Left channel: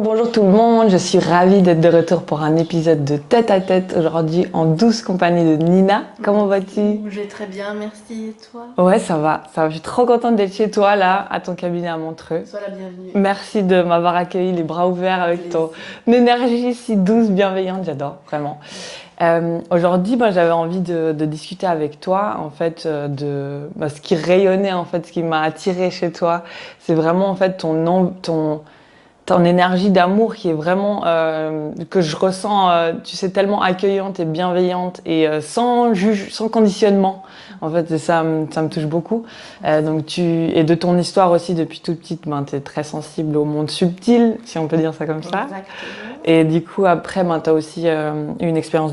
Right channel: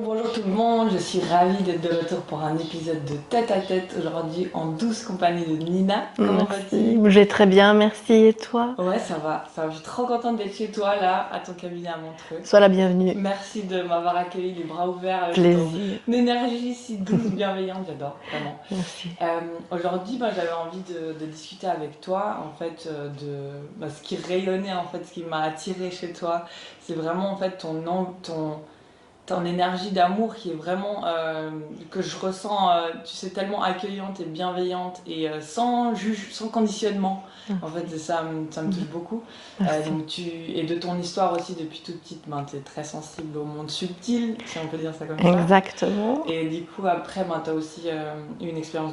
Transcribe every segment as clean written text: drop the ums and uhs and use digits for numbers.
Bonjour tout le monde, je suis ravie d'être de retour pour un épisode de Tête à Tête, aujourd'hui en douce compagnie de Nina. Comment vas-tu? Je vais très bien, merci. Et toi? Ouais, ça va, je suis trop contente d'être chez toi là, à ton cabinet à Montreux. Sois la bienvenue. Merci de m'avoir accueilli les bras ouverts avec ton Plaisir. énergie si douce, bienveillante, j'adore, vraiment. Aujourd'hui, j'avais envie de discuter avec toi en fait ce qui rayonnait en fait, ce qui m'a attiré chez toi, c'est vraiment en fait ton énergie d'amour qui est vraiment que je ressens, tu sais, tellement accueillante et bienveillante et sans conditionnement. En fait, ça me touche beaucoup. Et de ton histoire aussi depuis toute petite, tu es très sensible au monde subtil, si on peut dire ça comme ça. Exactement. Et du coup, après, tu as aussi eu une expérience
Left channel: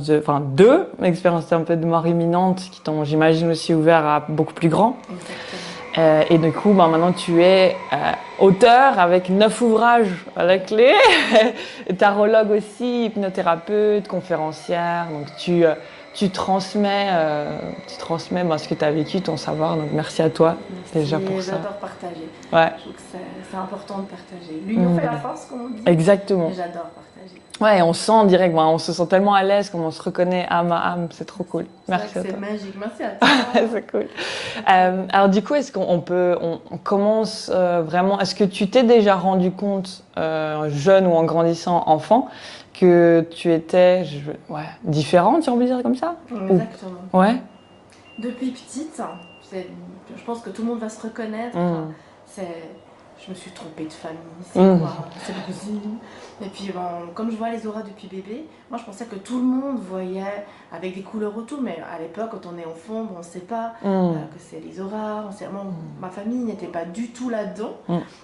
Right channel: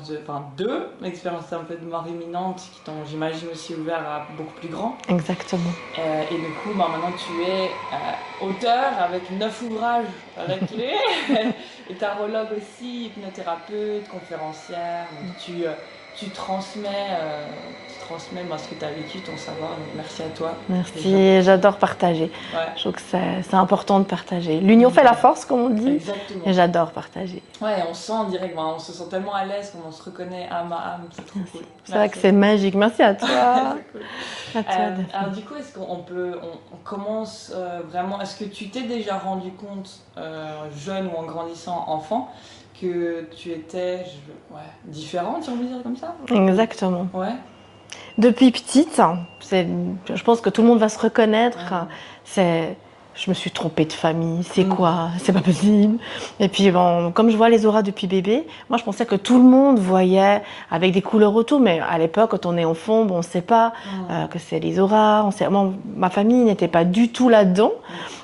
deux expériences un peu de mort imminente qui t'ont, j'imagine, aussi ouvert à beaucoup plus grand. Exactement. Et du coup, maintenant, tu es auteur avec 9 ouvrages à la clé, tarologue aussi, hypnothérapeute, conférencière. Donc, tu transmets ce que tu as vécu, ton savoir. Donc, merci à toi. Merci, j'adore partager. Ouais. Je trouve que c'est important de partager. L'union fait la force, comme on dit. Exactement. Et j'adore partager. Ouais, et on sent en direct, on se sent tellement à l'aise, comme on se reconnaît âme à âme, c'est trop cool. C'est vrai que c'est magique, merci à toi. C'est cool. Alors du coup, est-ce qu'on commence vraiment, est-ce que tu t'es déjà rendu compte, jeune ou en grandissant enfant, que tu étais différente, si on peut dire comme ça? Exactement. Ouais. Depuis petite, je pense que tout le monde va se reconnaître, je me suis trompée de famille, c'est quoi? C'est pas possible. Et puis bon, comme je vois les auras depuis bébé, moi je pensais que tout le monde voyait avec des couleurs autour, mais à l'époque, quand on est enfant, on ne sait pas que c'est les auras. Ma famille n'était pas du tout là-dedans.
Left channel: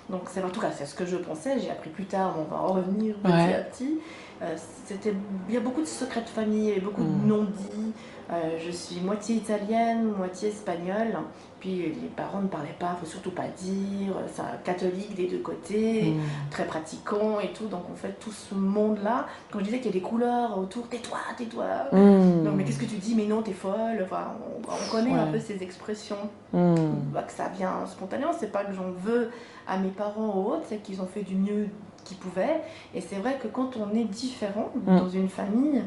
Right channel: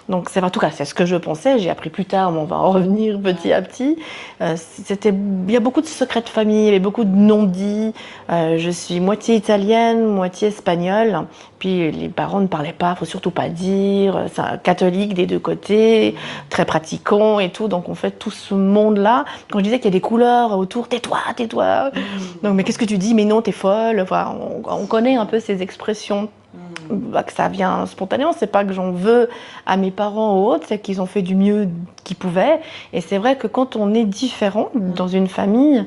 Donc en tout cas, c'est ce que je pensais. J'ai appris plus tard, mais on va en revenir petit à petit. Il y a beaucoup de secrets de famille, il y avait beaucoup de non-dits. Je suis moitié italienne, moitié espagnole. Puis les parents ne parlaient pas, faut surtout pas dire. C'est un catholique des deux côtés, très pratiquant et tout. Donc on fait tout ce monde-là. Quand je disais qu'il y a des couleurs autour, tais-toi, tais-toi. Donc mais qu'est-ce que tu dis? Mais non, t'es folle. Enfin, on connaît un peu ces expressions. Que ça vient spontanément, c'est pas que j'en veux à mes parents ou autres, c'est qu'ils ont fait du mieux qu'ils pouvaient. Et c'est vrai que quand on est différent dans une famille,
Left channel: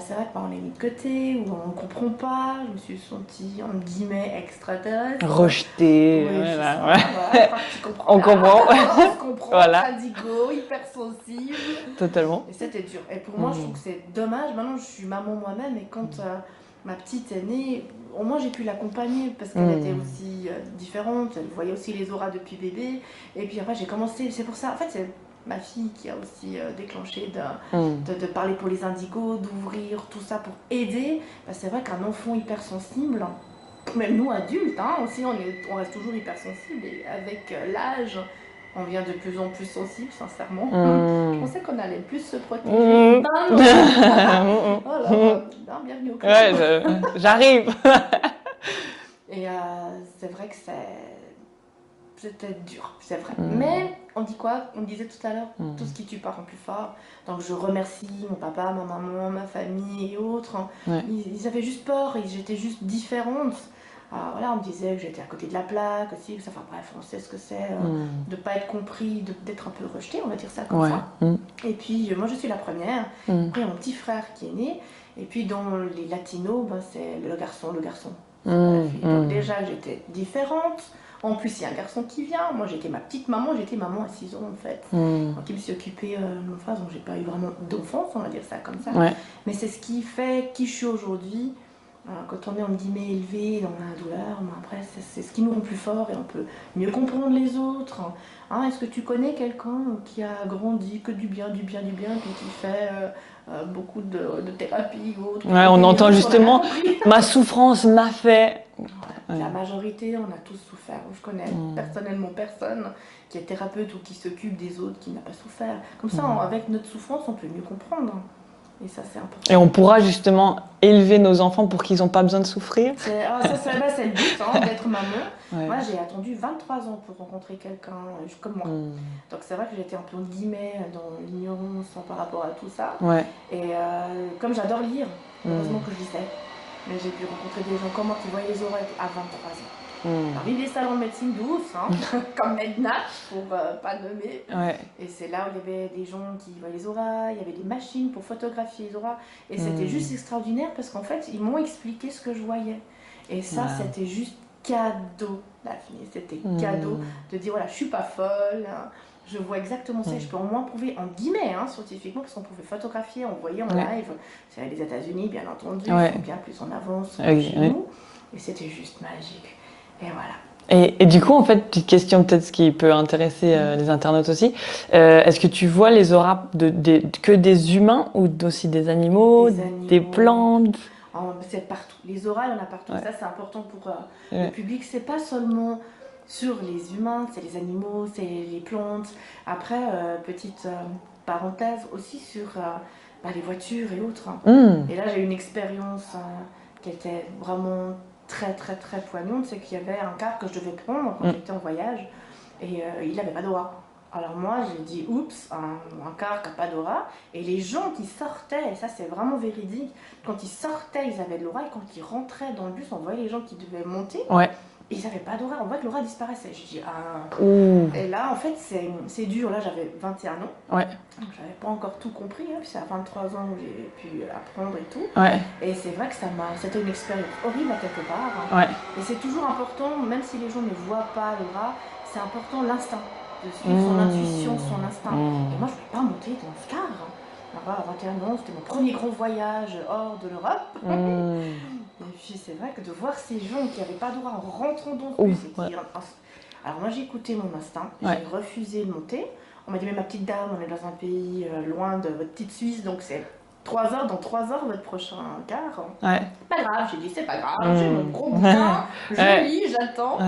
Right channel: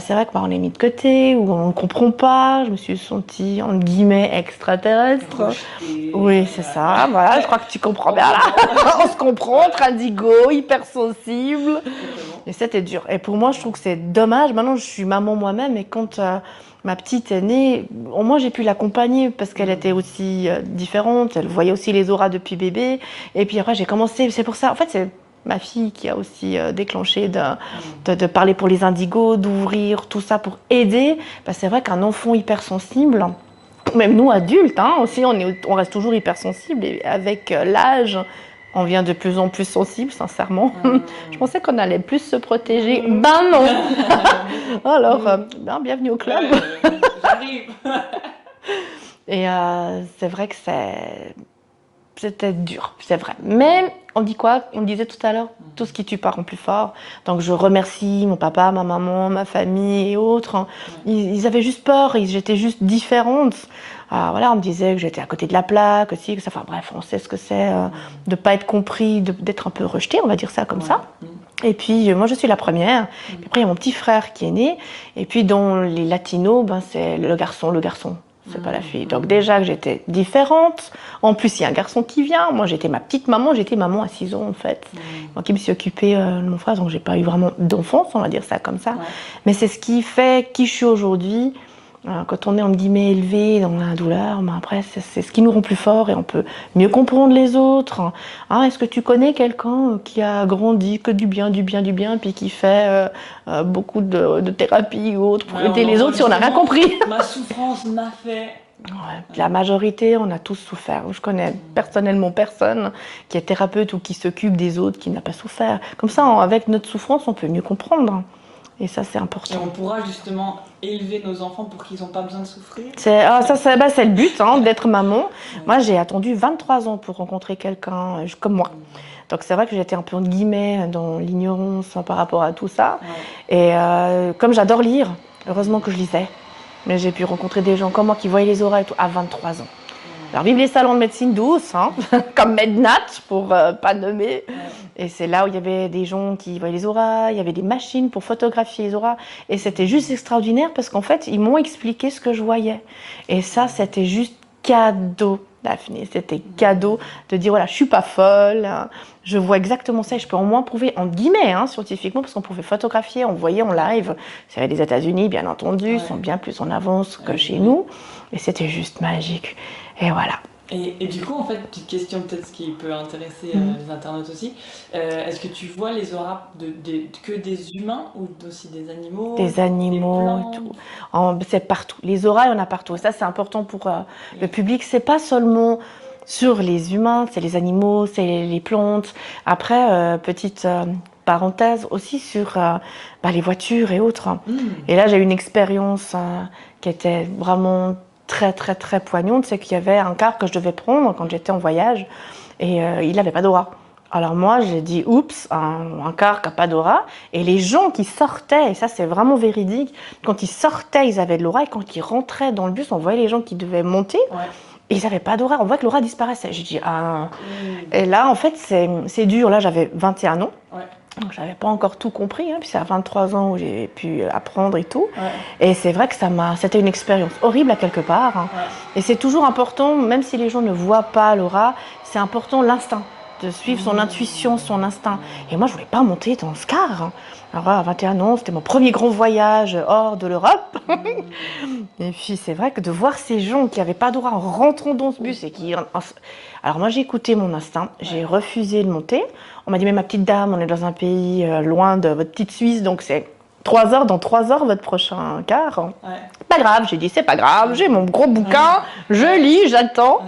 c'est vrai qu'on est mis de côté ou on ne comprend pas. Je me suis sentie entre guillemets extraterrestre, rejetée. Oui, c'est ça. Voilà, je crois que tu comprends. On se comprend, entre indigo, hypersensible. Totalement. Et c'était dur. Et pour moi, je trouve que c'est dommage. Maintenant, je suis maman moi-même, et quand ma petite est née, moi j'ai pu l'accompagner parce qu'elle était aussi différente, elle voyait aussi les auras depuis bébé. Et puis après j'ai commencé, c'est pour ça, en fait c'est ma fille qui a aussi déclenché de parler pour les indigos, d'ouvrir tout ça pour aider. Parce que c'est vrai qu'un enfant hypersensible, même nous adultes aussi, on reste toujours hypersensible, et avec l'âge, on devient de plus en plus sensible, sincèrement. Je pensais qu'on allait plus se protéger. Ben non. Alors, bienvenue au club. Ouais, j'arrive. Et c'est vrai que c'était dur, c'est vrai. Mais on dit quoi? On disait tout à l'heure, tout ce qui tue pas rend plus fort. Donc je remercie mon papa, ma maman, ma famille et autres. Ils avaient juste peur, j'étais juste différente. Voilà, on me disait que j'étais à côté de la plaque aussi, que ça. Enfin bref, on sait ce que c'est de pas être compris, d'être un peu rejeté, on va dire ça comme ça. Et puis moi je suis la première. Après il y a mon petit frère qui est né. Et puis dans les latinos, c'est le garçon. C'est pas la fille. Donc déjà que j'étais différente. En plus, il y a un garçon qui vient. Moi, j'étais maman à 6 ans en fait. Moi qui me suis occupée de mon frère, donc j'ai pas eu vraiment d'enfance, on va dire ça comme ça. Mais c'est ce qui fait qui je suis aujourd'hui. Quand on est entre guillemets élevé dans la douleur, après c'est ce qui nous rend plus forts et on peut mieux comprendre les autres. Est-ce que tu connais quelqu'un qui a grandi que du bien, puis qui fait beaucoup de thérapie ou autre pour aider les autres, si on n'a rien compris. Ma souffrance m'a fait. La majorité, on a tous souffert. Je connais personnellement personne qui est thérapeute ou qui s'occupe des autres qui n'a pas souffert. Comme ça, avec notre souffrance, on peut mieux comprendre. Et ça, c'est important. Et on pourra justement élever nos enfants pour qu'ils n'ont pas besoin de souffrir. C'est le but d'être maman. Moi, j'ai attendu 23 ans pour rencontrer quelqu'un comme moi. Donc, c'est vrai que j'étais un peu, entre guillemets, dans l'ignorance par rapport à tout ça. Et comme j'adore lire, heureusement que je lisais. Mais j'ai pu rencontrer des gens comme moi qui voyaient les auras et tout, à 23 ans. Alors, vive les salons de médecine douce, hein, comme Mednat, pour pas nommer. Ouais. Et c'est là où il y avait des gens qui voyaient les auras, il y avait des machines pour photographier les auras. Et c'était juste extraordinaire parce qu'en fait, ils m'ont expliqué ce que je voyais. Et ça, c'était juste cadeau, Daphné. C'était cadeau de dire, voilà, je suis pas folle, hein, je vois exactement ça et je peux au moins prouver, en guillemets, hein, scientifiquement, parce qu'on pouvait photographier, on voyait en live. C'est les États-Unis, bien entendu, ils sont bien plus en avance que chez nous. Et c'était juste magique. Et voilà. Et du coup, en fait, petite question peut-être ce qui peut intéresser les internautes aussi. Est-ce que tu vois les auras que des humains ou aussi des animaux, des plantes? C'est partout. Les auras, il y en a partout. Ça, c'est important pour le public. C'est pas seulement sur les humains, c'est les animaux, c'est les plantes. Après, petite parenthèse aussi sur les voitures et autres. Et là, j'ai eu une expérience qui était vraiment très, très, très poignante. C'est qu'il y avait un car que je devais prendre quand j'étais en voyage et il n'avait pas d'aura. Alors moi, j'ai dit, oups, un car qui n'a pas d'aura. Et les gens qui sortaient, et ça c'est vraiment véridique, quand ils sortaient, ils avaient de l'aura. Et quand ils rentraient dans le bus, on voyait les gens qui devaient monter. Et ils n'avaient pas d'aura. On voit que l'aura disparaissait. J'ai dit, ah. Et là, en fait, c'est dur. Là, j'avais 21 ans. Donc, je n'avais pas encore tout compris. Hein, puis c'est à 23 ans où j'ai pu apprendre et tout. Et c'est vrai que c'était une expérience horrible à quelque part. Hein. Et c'est toujours important, même si les gens ne voient pas l'aura, c'est important l'instinct. De suivre son intuition, son instinct. Et moi, je ne voulais pas monter dans ce car. Hein. Alors, à 21 ans, c'était mon premier grand voyage hors de l'Europe. Et puis, c'est vrai que de voir ces gens qui n'avaient pas d'aura en rentrant dans ce bus et qui... Alors, moi, j'ai écouté mon instinct. J'ai refusé de monter. On m'a dit, mais ma petite dame, on est dans un pays loin de votre petite Suisse, donc c'est 3 heures, dans 3 heures, votre prochain car. Pas grave, j'ai dit, c'est pas grave, j'ai mon gros bouquin, je lis, j'attends.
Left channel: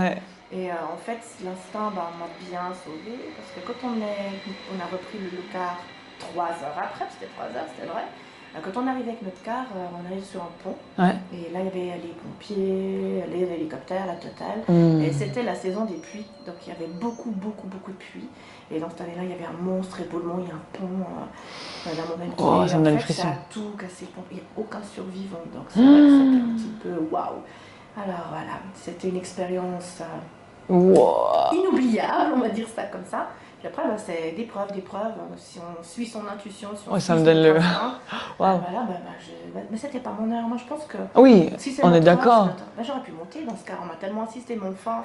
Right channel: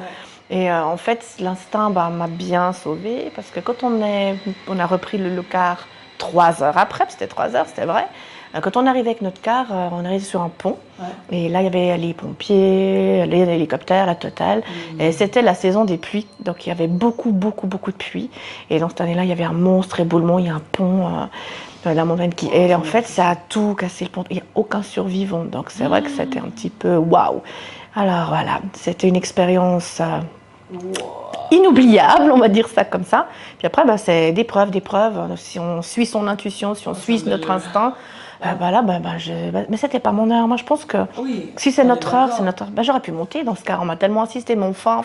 Et en fait, l'instinct m'a bien sauvée parce que quand on a repris le car 3 heures après, c'était 3 heures, c'était vrai. Quand on arrivait avec notre car, on arrivait sur un pont. Et là, il y avait les pompiers, les hélicoptères, la totale. Et c'était la saison des pluies. Donc, il y avait beaucoup, beaucoup, beaucoup de pluie. Et dans cette année-là, il y avait un monstre éboulement. Il y a un pont, la montagne qui... et en fait, ça a tout cassé le pont. Il n'y a aucun survivant. Donc, c'est vrai que c'était un petit peu waouh. Alors, voilà, c'était une expérience... inoubliable, on va dire ça comme ça. Puis après, c'est des preuves. Si on suit son intuition, si on suit notre instinct, mais c'était pas mon heure. Moi, je pense que si c'est notre heure, c'est notre heure. J'aurais pu monter dans ce cas. On m'a tellement insisté, mon enfin.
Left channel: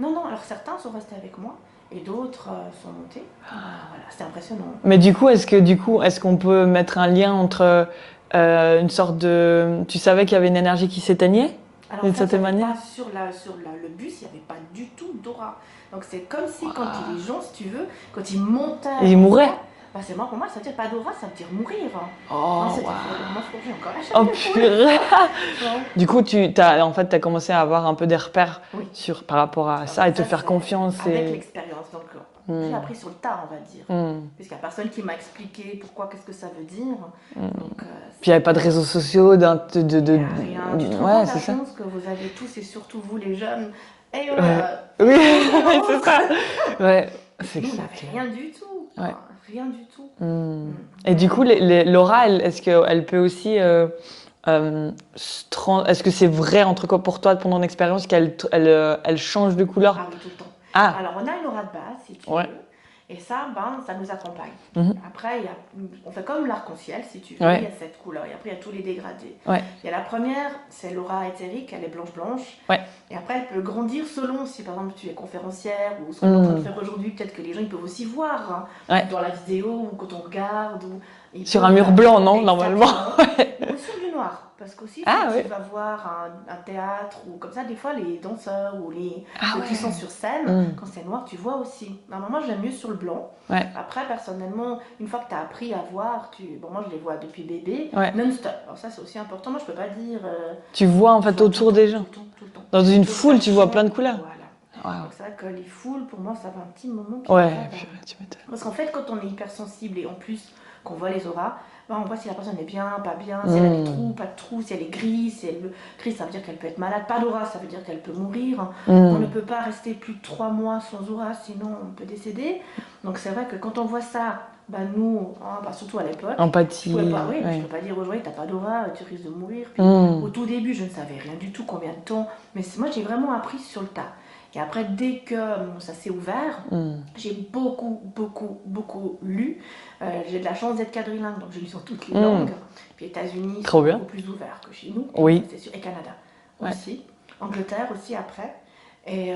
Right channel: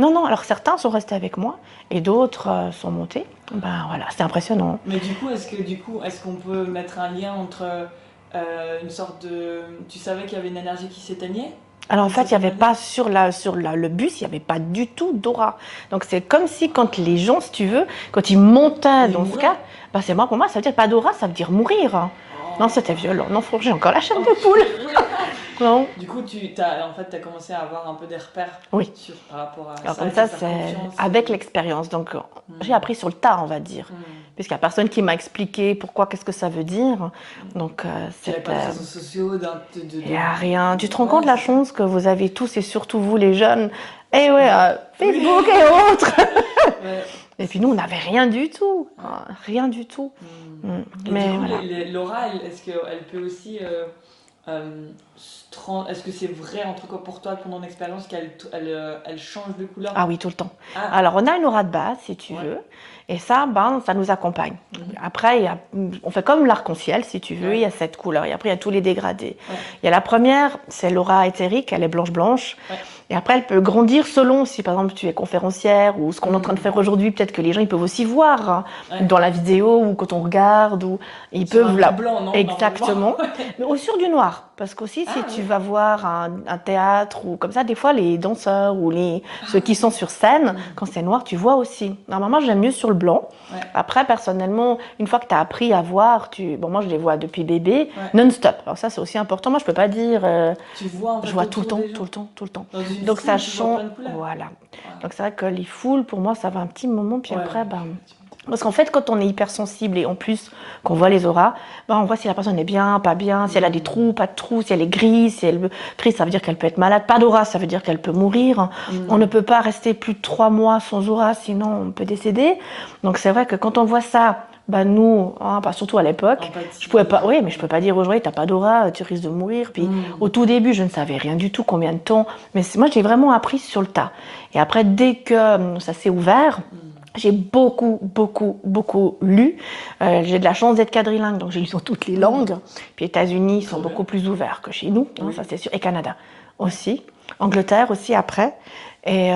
Non. Alors certains sont restés avec moi et d'autres sont montés. Voilà, c'était impressionnant. Mais du coup, est-ce qu'on peut mettre un lien entre une sorte de... Tu savais qu'il y avait une énergie qui s'éteignait? Alors en fait, il n'y avait pas sur le bus, il n'y avait pas du tout d'aura. Donc c'est comme si quand les gens, si tu veux, quand ils montaient, ils mouraient. C'est moi, pour moi, ça veut dire pas d'aura, ça veut dire mourir. Non, c'était violent. Non, j'ai encore la chair de poule. Non. Du coup, tu as commencé à avoir un peu des repères par rapport à ça et te faire confiance. Avec l'expérience. Donc j'ai appris sur le tas, on va dire. Puisqu'il n'y a personne qui m'a expliqué qu'est-ce que ça veut dire. Donc, puis il n'y avait pas de réseaux sociaux, il n'y a rien. Tu te rends compte de la chance que vous avez tous et surtout vous les jeunes. Et Facebook et autres. Et puis nous, on n'avait rien du tout. Rien du tout. Et du coup, l'aura, est-ce qu'elle peut aussi... est-ce que c'est vrai pour toi, pendant ton expérience, qu'elle change de couleur? Ah oui, tout le temps. Alors, on a une aura de base, si tu veux. Et ça, ça nous accompagne. Après, on fait comme l'arc-en-ciel, si tu veux. Il y a 7 couleurs. Et après, il y a tous les dégradés. Il y a la première, c'est l'aura éthérique. Elle est blanche-blanche. Et après, elle peut grandir selon si, par exemple, tu es conférencière ou ce qu'on est en train de faire aujourd'hui. Peut-être que les gens, ils peuvent aussi voir dans la vidéo ou quand on regarde. Sur un mur blanc, non? Exactement. Ou sur du noir. Parce qu'aussi, si tu vas voir un théâtre ou comme ça, des fois, les danseurs ou ceux qui sont sur scène, quand c'est noir, tu vois aussi. Normalement, j'aime mieux sur le blanc. Après, personnellement, une fois que tu as appris à voir, moi, je les vois depuis bébé, non-stop. Alors ça, c'est aussi important. Moi, je peux pas dire... tu vois en fait autour des gens? Tout le temps. Dans une foule, tu vois plein de couleurs. Voilà. Donc c'est vrai que les foules, pour moi, ça va un petit moment. Puis après, parce qu'en fait, quand on est hypersensible et en plus qu'on voit les auras, on voit si la personne est bien, pas bien, si elle a des trous, pas de trous, si elle est grise, si elle grise, ça veut dire qu'elle peut être malade. Pas d'aura, ça veut dire qu'elle peut mourir. On ne peut pas rester plus de 3 mois sans aura, sinon on peut décéder. Donc c'est vrai que quand on voit ça bah nous, hein, surtout à l'époque, Empathie. je pouvais pas, oui, mais je peux pas dire aujourd'hui, t'as pas d'aura, tu risques de mourir. Puis au tout début, je ne savais rien du tout, combien de temps. Mais moi, j'ai vraiment appris sur le tas. Et après, dès que ça s'est ouvert, j'ai beaucoup, beaucoup, beaucoup lu. J'ai de la chance d'être quadrilingue, donc j'ai lu sur toutes les langues. Puis États-Unis sont beaucoup plus ouverts que chez nous, oui. Ça c'est sûr. Et Canada aussi. Angleterre aussi après. Et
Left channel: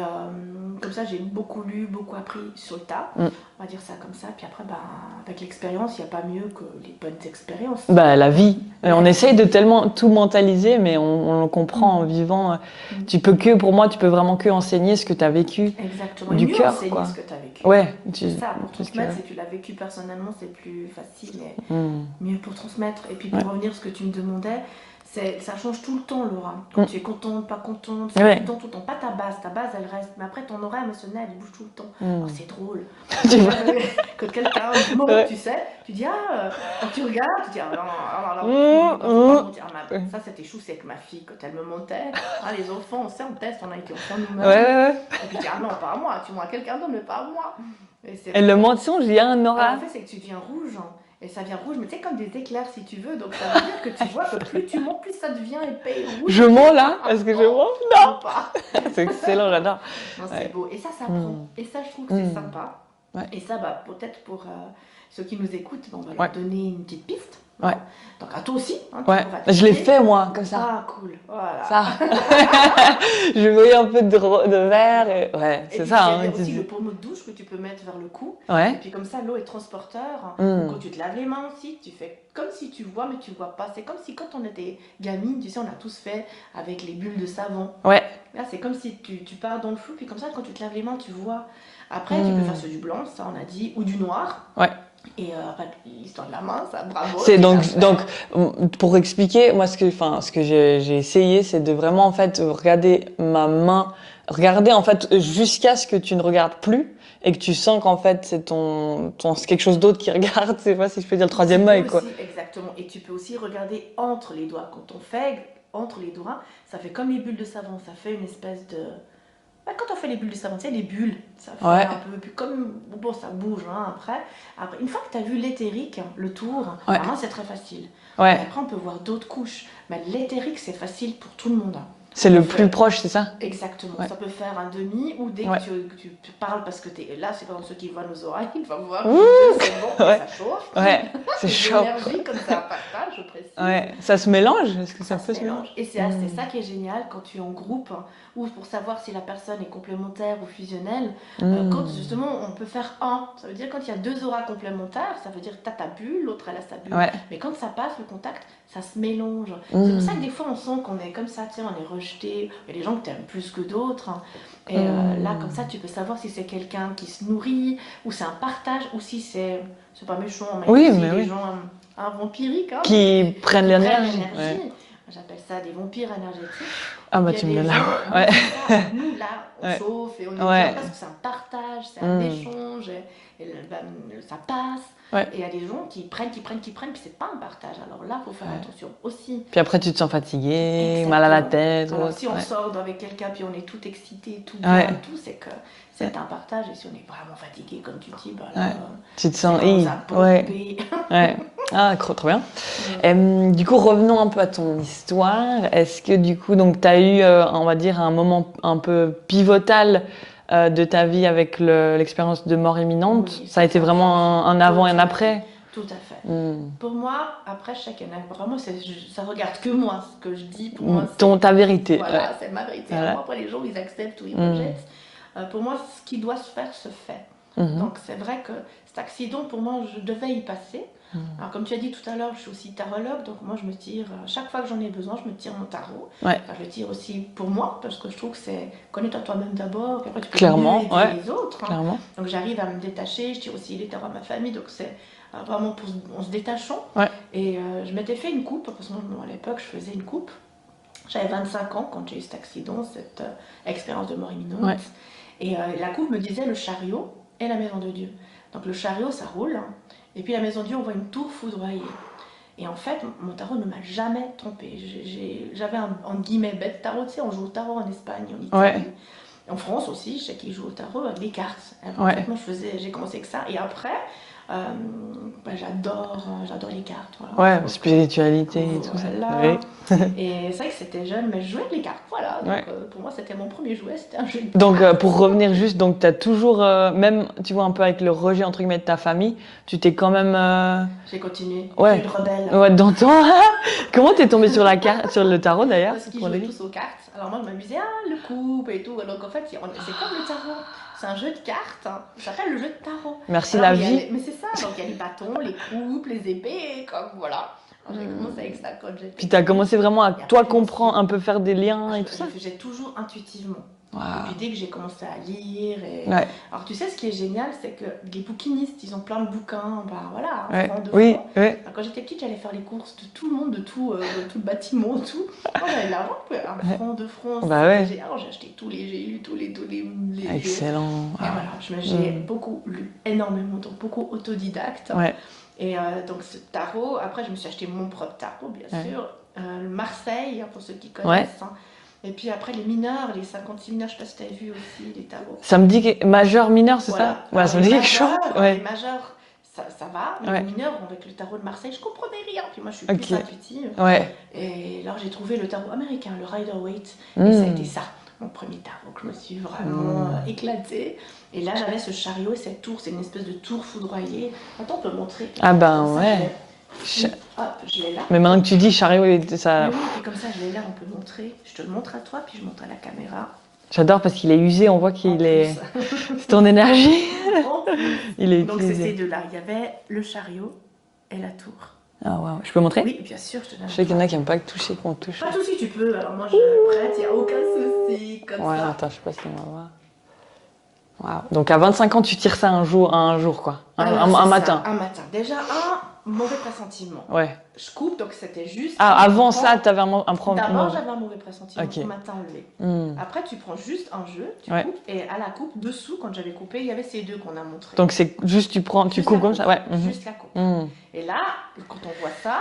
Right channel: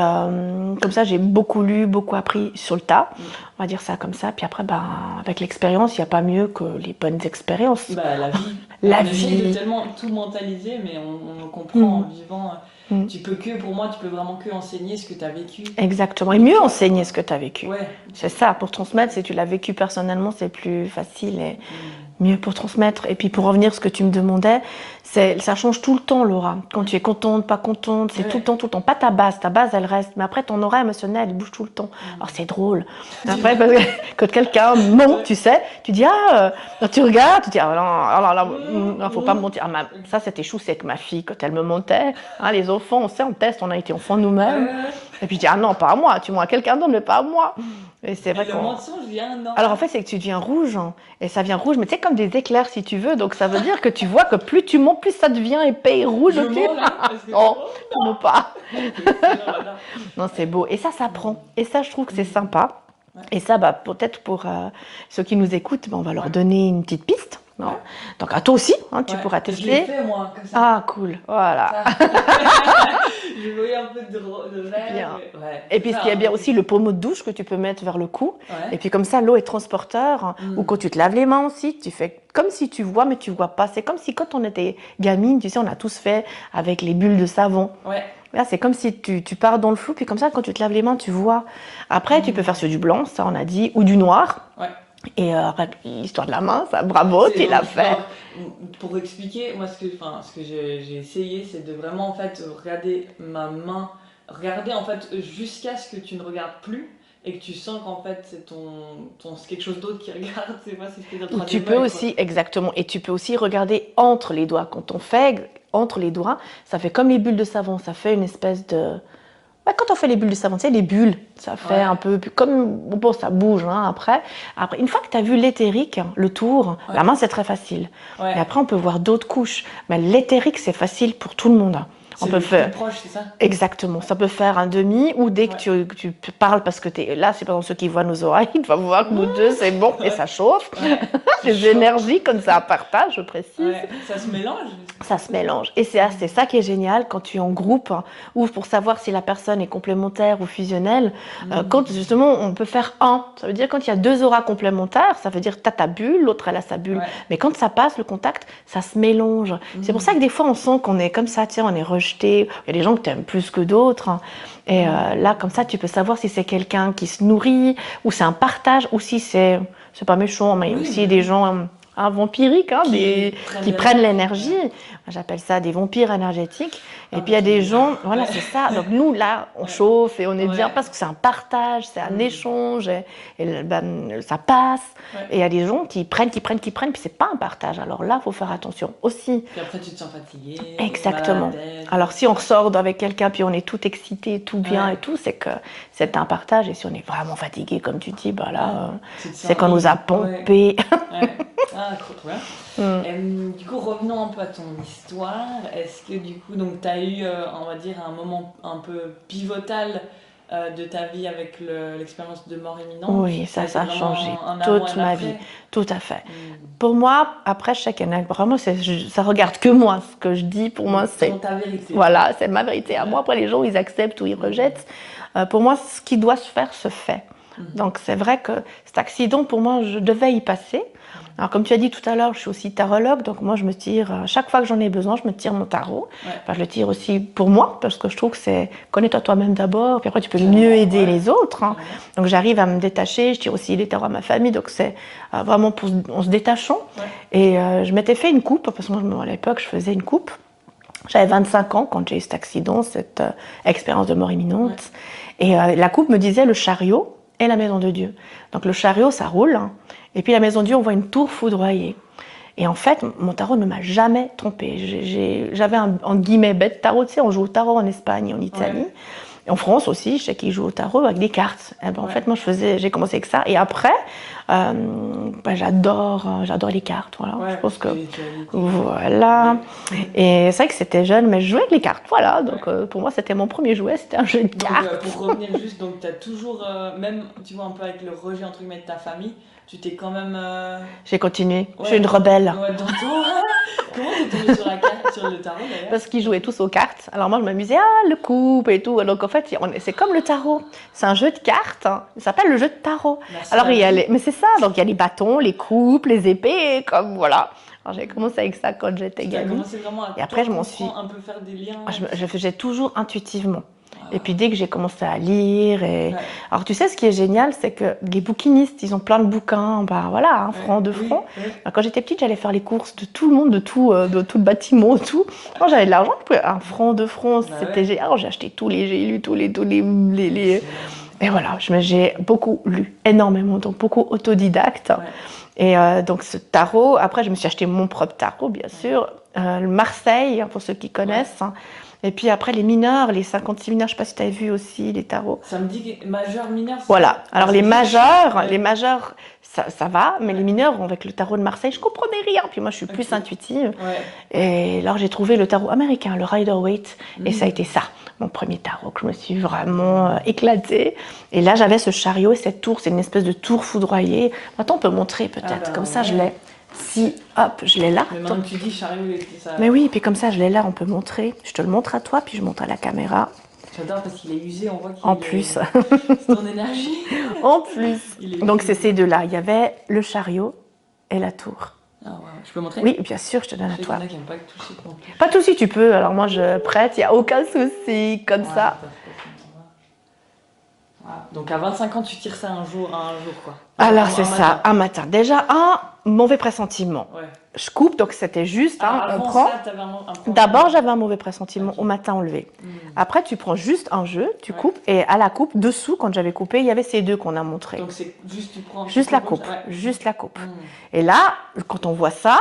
comme ça, j'ai beaucoup lu, beaucoup appris sur le tas, on va dire ça comme ça. Puis après, ben, avec l'expérience, il n'y a pas mieux que les bonnes expériences. Bah, la vie. On essaye de tellement tout mentaliser, mais on le comprend en vivant. Tu peux vraiment que enseigner ce que tu as vécu. Exactement. Et mieux enseigner ce que tu as vécu. Ouais, c'est ça, pour transmettre, si tu l'as vécu personnellement, c'est plus facile et mieux pour transmettre. Et puis pour revenir à ce que tu me demandais, ça change tout le temps, l'aura. Quand tu es contente, pas contente, c'est tout le temps. Pas ta base elle reste. Mais après, ton aura émotionnelle, elle bouge tout le temps. Alors c'est drôle. Quand quelqu'un ment, tu sais, tu dis, tu regardes, tu dis, non, faut pas me mentir. Ça, c'était chou, c'est que ma fille, quand elle me mentait, les enfants, on sait, on teste, on a été enfants nous-mêmes. Et puis je dis, non, pas à moi, tu mens à quelqu'un d'autre, mais pas à moi. Et le mensonge, il y a un aura. Alors en fait, c'est que tu deviens rouge, et ça vient rouge, mais tu sais, comme des éclairs si tu veux, donc ça veut dire que tu vois que plus tu montes, plus ça devient épais et rouge. Je mens là, parce que non, pas. C'est excellent, j'adore. Non, c'est beau, et ça prend. Et ça, je trouve que c'est sympa. Et ça, peut-être pour ceux qui nous écoutent, on va leur donner une petite piste. Ouais. Donc à toi aussi, tu pourras tester. Je l'ai fait moi, comme ça. Ah cool, voilà. Je voyais un peu de verre. Et puis il y a bien aussi le pommeau de douche que tu peux mettre vers le cou. Et puis comme ça, l'eau est transporteur. Ou quand tu te laves les mains aussi, tu fais comme si tu vois, mais tu vois pas. C'est comme si quand on était gamine, tu sais, on a tous fait avec les bulles de savon. Là, c'est comme si tu pars dans le flou, puis comme ça, quand tu te laves les mains, tu vois. Après, tu peux faire sur du blanc, ça on a dit, ou du noir. Et l'histoire de la main, ça, bravo. Donc, pour expliquer, moi, ce que j'ai essayé, c'est de vraiment, en fait, regarder ma main, regarder, en fait, jusqu'à ce que tu ne regardes plus et que tu sens qu'en fait, c'est c'est quelque chose d'autre qui regarde, je sais pas si je peux dire le troisième œil. Exactement. Et tu peux aussi regarder entre les doigts. Quand on fait entre les doigts, ça fait comme les bulles de savon, ça fait une espèce de... Quand on fait les bulles de savon, tu sais, les bulles, ça fait un peu comme... Bon, ça bouge après. Une fois que tu as vu l'éthérique, le tour, la main, c'est très facile. Et après, on peut voir d'autres couches. Mais l'éthérique, c'est facile pour tout le monde. C'est le plus proche, c'est ça? Exactement. Ça peut faire un demi ou dès que tu parles parce que t'es là, c'est par exemple ceux qui voient nos oreilles, ils doivent voir que nous deux, c'est bon et ça chauffe. C'est l'énergie comme ça à partage, je précise. Ça se mélange? Ça se mélange. Et c'est ça qui est génial quand tu es en groupe ou pour savoir si la personne est complémentaire ou fusionnelle. Quand justement on peut faire ça veut dire quand il y a deux auras complémentaires, ça veut dire tu as ta bulle, l'autre elle a sa bulle. Mais quand ça passe, le contact, ça se mélange. C'est pour ça que des fois on sent qu'on est comme ça, tiens, on est rejeté. Il y a des gens que tu aimes plus que d'autres. Et là, comme ça, tu peux savoir si c'est quelqu'un qui se nourrit, ou c'est un partage, ou si c'est pas méchant, mais il y a aussi des gens vampiriques qui prennent l'énergie. J'appelle ça des vampires énergétiques. Et puis il y a des gens, c'est ça. Donc nous, là, on chauffe et on est bien parce que c'est un partage, c'est un échange, et ça passe. Et il y a des gens qui prennent, puis c'est pas un partage. Alors là, il faut faire attention aussi. Puis après, tu te sens fatigué, mal à la tête. Alors si on ressort avec quelqu'un, puis on est tout excité, tout bien et tout, c'est que c'est un partage. Et si on est vraiment fatigué, comme tu dis, c'est qu'on nous a pompé. Ah, trop bien. Du coup, revenons un peu à ton histoire. Est-ce que du coup, donc, tu as eu, on va dire, un moment un peu pivotal de ta vie avec l'expérience de mort imminente? Oui, ça a été vraiment un avant et un après? Tout à fait. Pour moi, après, vraiment, ça regarde que moi. Ce que je dis, pour moi, c'est ta vérité. Voilà, c'est ma vérité. À moi, après, les gens, ils acceptent ou ils rejettent. Pour moi, ce qui doit se faire, se fait. Donc, c'est vrai que cet accident, pour moi, je devais y passer. Alors, comme tu as dit tout à l'heure, je suis aussi tarologue. Donc, moi, je me tire, chaque fois que j'en ai besoin, je me tire mon tarot. Enfin, je le tire aussi pour moi, parce que je trouve que c'est connais-toi toi-même d'abord, puis après, tu peux mieux aider les autres. Donc, j'arrive à me détacher. Je tire aussi les tarots à ma famille. Donc, c'est vraiment en se détachant. Et je m'étais fait une coupe, parce que moi, à l'époque, je faisais une coupe. J'avais 25 ans quand j'ai eu cet accident, cette expérience de mort imminente. Et la coupe me disait le chariot et la maison de Dieu. Donc le chariot, ça roule, et puis la maison de Dieu, on voit une tour foudroyée. Et en fait, mon tarot ne m'a jamais trompée. J'avais en guillemets bête tarot, tu sais, on joue au tarot en Espagne, en Italie. Et en France aussi, je sais qu'ils jouent au tarot avec des cartes. Et ben, en fait, moi, j'ai commencé avec ça. Et après, J'adore les cartes. Voilà. Ouais, je pense spiritualité. Voilà. Oui. Et c'est vrai que c'était jeune, mais je jouais avec les cartes. Voilà. Donc pour moi, c'était mon premier jouet, c'était un jeu de cartes. Donc pour revenir juste, donc tu as toujours, même, tu vois, un peu avec le rejet entre guillemets de ta famille, tu t'es quand même. J'ai continué. Ouais. Je suis une rebelle. Ouais, dans toi. Comment t'es tombée sur sur le tarot d'ailleurs? Parce qu'ils jouaient tous aux cartes. Alors moi, je m'amusais, le couple et tout. Donc en fait, c'est comme le tarot. C'est un jeu de cartes. Ça s'appelle le jeu de tarot. Merci. Alors, mais c'est ça. Donc il y a les bâtons, les coupes, les épées, comme voilà. Alors j'ai commencé avec ça quand j'étais. Tu as commencé vraiment à toi comprendre, un peu faire des liens. Je faisais toujours intuitivement. Wow. Et puis dès que j'ai commencé à lire, alors tu sais ce qui est génial, c'est que les bouquinistes, ils ont plein de bouquins, voilà, un franc, deux francs. Oui. Alors, quand j'étais petite, j'allais faire les courses de tout le monde, de tout le bâtiment, tout. Quand j'avais de l'argent, un franc, 2 francs, c'était génial. Alors, j'ai acheté j'ai lu tous les. Excellent. Et voilà, j'ai beaucoup lu, énormément, donc beaucoup autodidacte. Ouais. Et donc ce tarot, après je me suis acheté mon propre tarot, bien sûr, le Marseille, pour ceux qui connaissent. Et puis après, les mineurs, les 56 mineurs, je ne sais pas si tu as vu aussi les tarots. Ça me dit que majeur, mineur, c'est voilà. ça? Alors les majeurs, ça va, mais les mineurs, avec le tarot de Marseille, je ne comprenais rien. Puis moi, je suis plus intuitive. Et alors j'ai trouvé le tarot américain, le Rider-Waite, et ça a été ça, mon premier tarot, que je me suis vraiment éclatée. Et là, j'avais ce chariot et cette tour, c'est une espèce de tour foudroyée. Maintenant, on peut montrer peut-être, comme ça je l'ai. Hop, je l'ai là. Mais maintenant que tu dis chariot, ça. Mais oui, puis comme ça, je l'ai là, on peut montrer. Je te le montre à toi, puis je montre à la caméra. J'adore parce qu'il est usé, on voit qu'il est. En plus. C'est ton énergie. En plus. Donc c'est ces deux-là. Il y avait le chariot et la tour. Ah ouais. Je peux montrer? Oui, bien sûr, je te donne. Je sais qu'il y en a qui n'aiment pas toucher qu'on touche. Pas de souci, tu peux. Alors moi, je prête, il n'y a aucun souci, comme ça. Attends, je sais pas si on va voir. Wow. Donc à 25 ans, tu tires ça un jour quoi. Alors un matin. Un matin. Déjà, un mauvais pressentiment. Ouais. Je coupe, donc c'était juste. Avant ça, tu avais un problème. D'abord, j'avais un mauvais pressentiment au matin enlevé. Après, tu prends juste un jeu, tu coupes, et à la coupe, dessous, quand j'avais coupé, il y avait ces deux qu'on a montrés. Donc c'est juste, tu prends. Juste la coupe. Juste la coupe. Et là, quand on voit ça,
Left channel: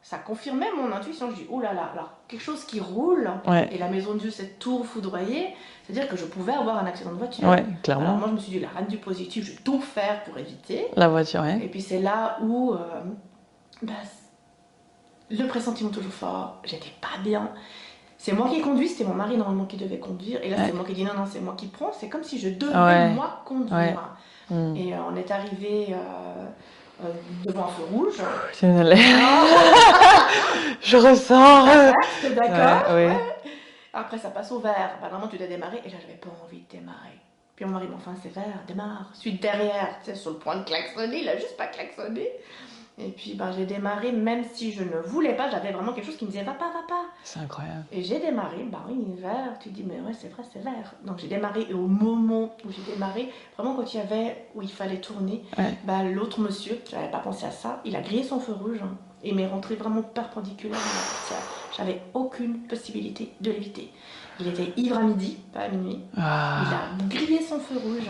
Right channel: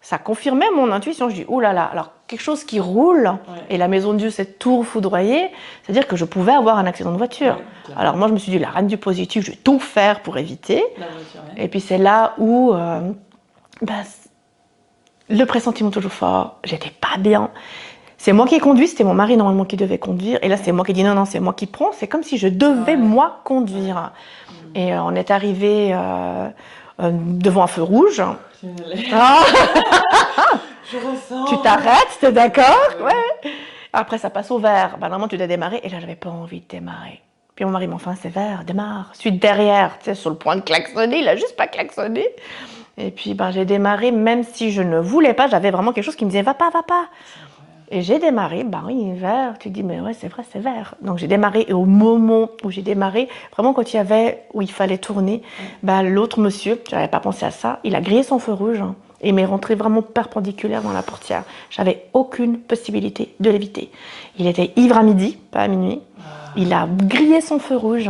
ça confirmait mon intuition. Je dis, oh là là, alors quelque chose qui roule, et la maison de Dieu, cette tour foudroyée, c'est-à-dire que je pouvais avoir un accident de voiture. Alors moi, je me suis dit, la reine du positif, je vais tout faire pour éviter. La voiture, Et puis c'est là où le pressentiment toujours fort, j'étais pas bien. C'est moi qui ai conduit, c'était mon mari normalement qui devait conduire. Et là, c'est moi qui ai dit non, c'est moi qui prends. C'est comme si je devais moi conduire. Et on est arrivé devant un feu rouge. Je ressens. Tu t'arrêtes, t'es d'accord? Après, ça passe au vert. Normalement, tu dois démarrer. Et là, j'avais pas envie de démarrer. Puis mon mari m'a dit, enfin, c'est vert, démarre. Suite derrière, tu sais, sur le point de klaxonner. Il a juste pas klaxonné. Et puis, j'ai démarré, même si je ne voulais pas. J'avais vraiment quelque chose qui me disait, va pas, va pas. C'est incroyable. Et j'ai démarré, oui, vert. Tu te dis, mais ouais, c'est vrai, c'est vert. Donc, j'ai démarré. Et au moment où j'ai démarré, vraiment, quand où il fallait tourner, l'autre monsieur, je n'avais pas pensé à ça, il a grillé son feu rouge. Et m'est rentré vraiment perpendiculaire dans la portière. J'avais aucune possibilité de l'éviter. Il était ivre à midi, pas à minuit. Il a grillé son feu rouge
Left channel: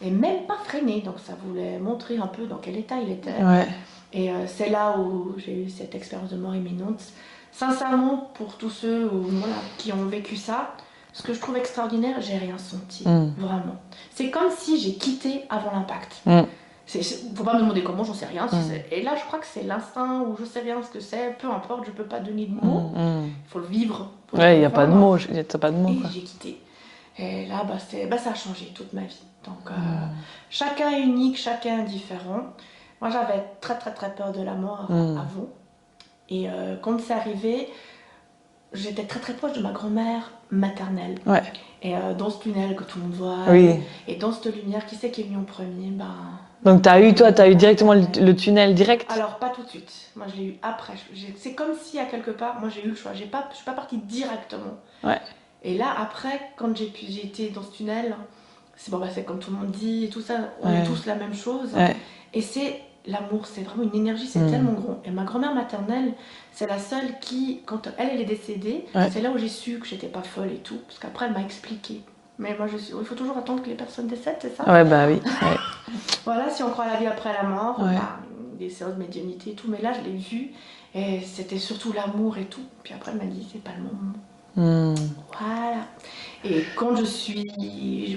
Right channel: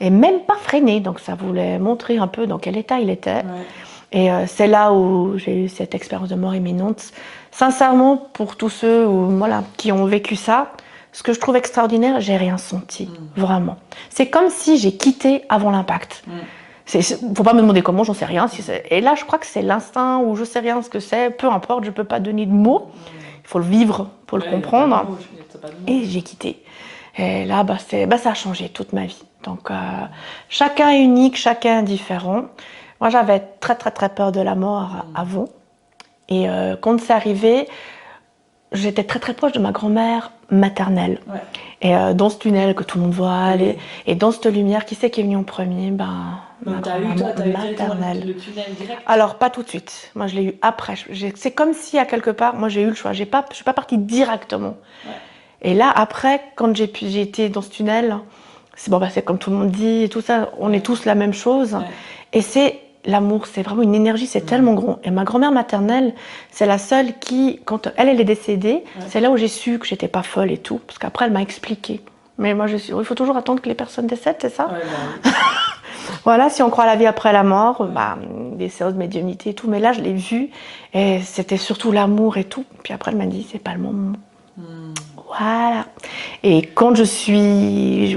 et même pas freiné. Donc ça voulait montrer un peu dans quel état il était. Et c'est là où j'ai eu cette expérience de mort imminente. Sincèrement, pour tous ceux qui ont vécu ça, ce que je trouve extraordinaire, j'ai rien senti, vraiment. C'est comme si j'ai quitté avant l'impact. Faut pas me demander comment, j'en sais rien. Et là, je crois que c'est l'instinct ou je sais rien ce que c'est. Peu importe, je peux pas donner de mots. Il faut le vivre pour le comprendre. Il n'y a pas de mots. Et j'ai quitté. Et là, ça a changé toute ma vie. Donc, chacun est unique, chacun est différent. Moi, j'avais très, très, très peur de la mort avant. Et quand c'est arrivé, j'étais très, très proche de ma grand-mère maternelle. Et dans ce tunnel que tout le monde voit, et dans cette lumière, qui c'est qui est venu en premier? Donc tu as eu directement le tunnel direct? Alors pas tout de suite, moi je l'ai eu après. C'est comme si à quelque part, moi j'ai eu le choix, je suis pas partie directement. Et là après, quand j'ai été dans ce tunnel, c'est comme tout le monde dit et tout ça, on est tous la même chose. Et c'est l'amour, c'est vraiment une énergie, c'est tellement grand. Et ma grand-mère maternelle, c'est la seule qui, quand elle est décédée, c'est là où j'ai su que j'étais pas folle et tout, parce qu'après elle m'a expliqué. Mais moi, il faut toujours attendre que les personnes décèdent, c'est ça? Oui. Voilà, si on croit à la vie après la mort, des séances de médiumnité et tout. Mais là, je l'ai vu, et c'était surtout l'amour et tout. Puis après, elle m'a dit, c'est pas le moment. Voilà. Et quand je suis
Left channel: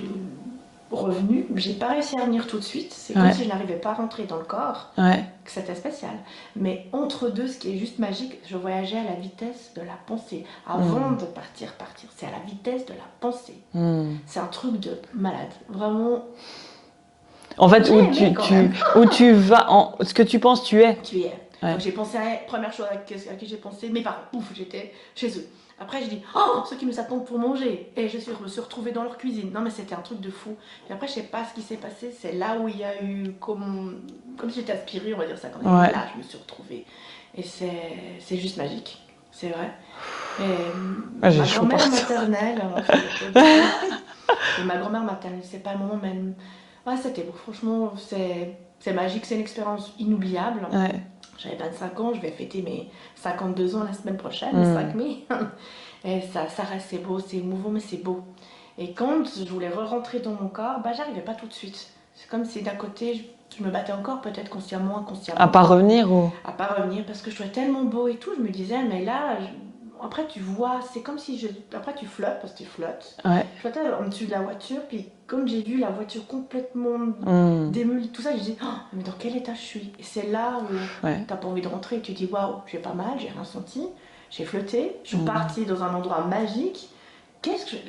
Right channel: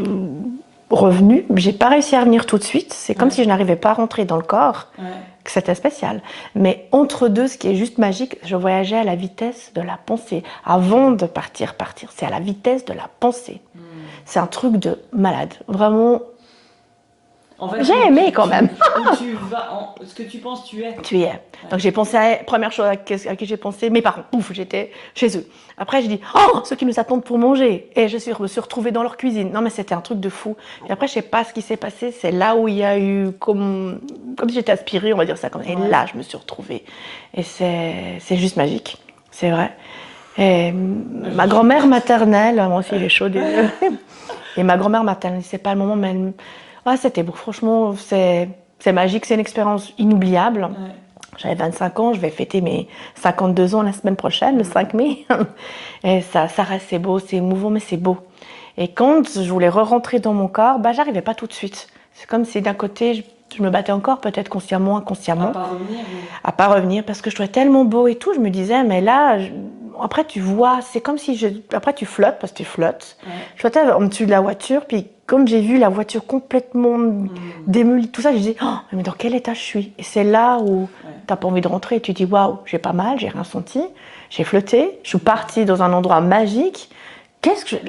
revenue. J'ai pas réussi à revenir tout de suite. C'est comme si je n'arrivais pas à rentrer dans le corps. Que c'était spécial. Mais entre deux, ce qui est juste magique, je voyageais à la vitesse de la pensée. Avant de partir. C'est à la vitesse de la pensée. C'est un truc de malade. Vraiment. En fait, j'ai aimé quand même. Où tu vas, ce que tu penses, tu es. Tu es. Donc j'ai pensé première chose à qui j'ai pensé, mes parents. Ouf, j'étais chez eux. Après, j'ai dit, oh, ceux qui nous attendent pour manger. Et me suis retrouvée dans leur cuisine. Non, mais c'était un truc de fou. Et après, je sais pas ce qui s'est passé. C'est là où il y a eu, comme si j'étais aspirée, on va dire ça comme ça. Et là, je me suis retrouvée. Et c'est juste magique. C'est vrai. Et ma grand-mère maternelle, moi, je fais les chaudes. Et ma grand-mère maternelle, c'est pas le moment, mais c'était beau. Franchement, c'est magique. C'est une expérience inoubliable. J'avais 25 ans, je vais fêter mes 52 ans la semaine prochaine, le 5 mai. Et ça reste, c'est beau, c'est émouvant, mais c'est beau. Et quand je voulais re-rentrer dans mon corps, j'arrivais pas tout de suite. C'est comme si d'un côté, je me battais encore, peut-être consciemment, inconsciemment. À pas revenir À pas revenir, parce que je trouvais tellement beau et tout. Je me disais, mais là, après tu vois, c'est comme si après tu flottes, parce que tu flottes. Je flottais en dessus de la voiture, puis comme j'ai vu la voiture complètement démolie, tout ça, je dis, oh, mais dans quel état je suis? Et c'est là où t'as pas envie de rentrer, et tu dis, waouh, j'ai pas mal, j'ai rien senti, j'ai flotté, je suis partie dans un endroit magique.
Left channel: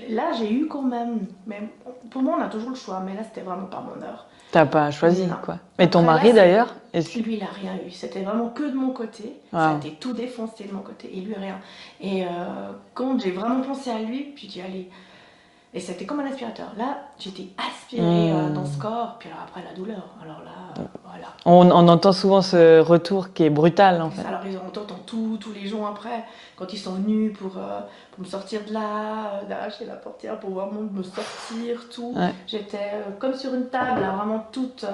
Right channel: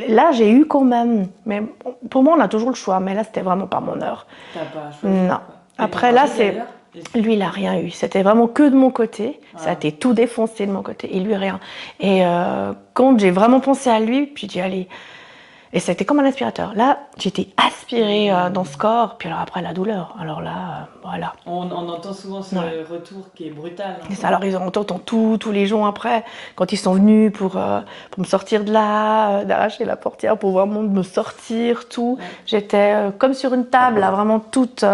Là, j'ai eu quand même. Mais pour moi, on a toujours le choix, mais là, c'était vraiment pas mon heure. T'as pas choisi, non. quoi. Et après, ton mari, d'ailleurs? Lui, il a rien eu. C'était vraiment que de mon côté. Ça a été tout défoncé de mon côté. Et lui, rien. Et quand j'ai vraiment pensé à lui, puis j'ai dit, allez. Et c'était comme un aspirateur. Là, j'étais aspirée dans ce corps. Puis alors après, la douleur. Alors là, voilà. On entend souvent ce retour qui est brutal. En fait. Alors, ils entendent tous les jours après, quand ils sont venus pour me sortir de là, d'arracher la portière pour vraiment me sortir, tout. J'étais comme sur une table, là, vraiment toute...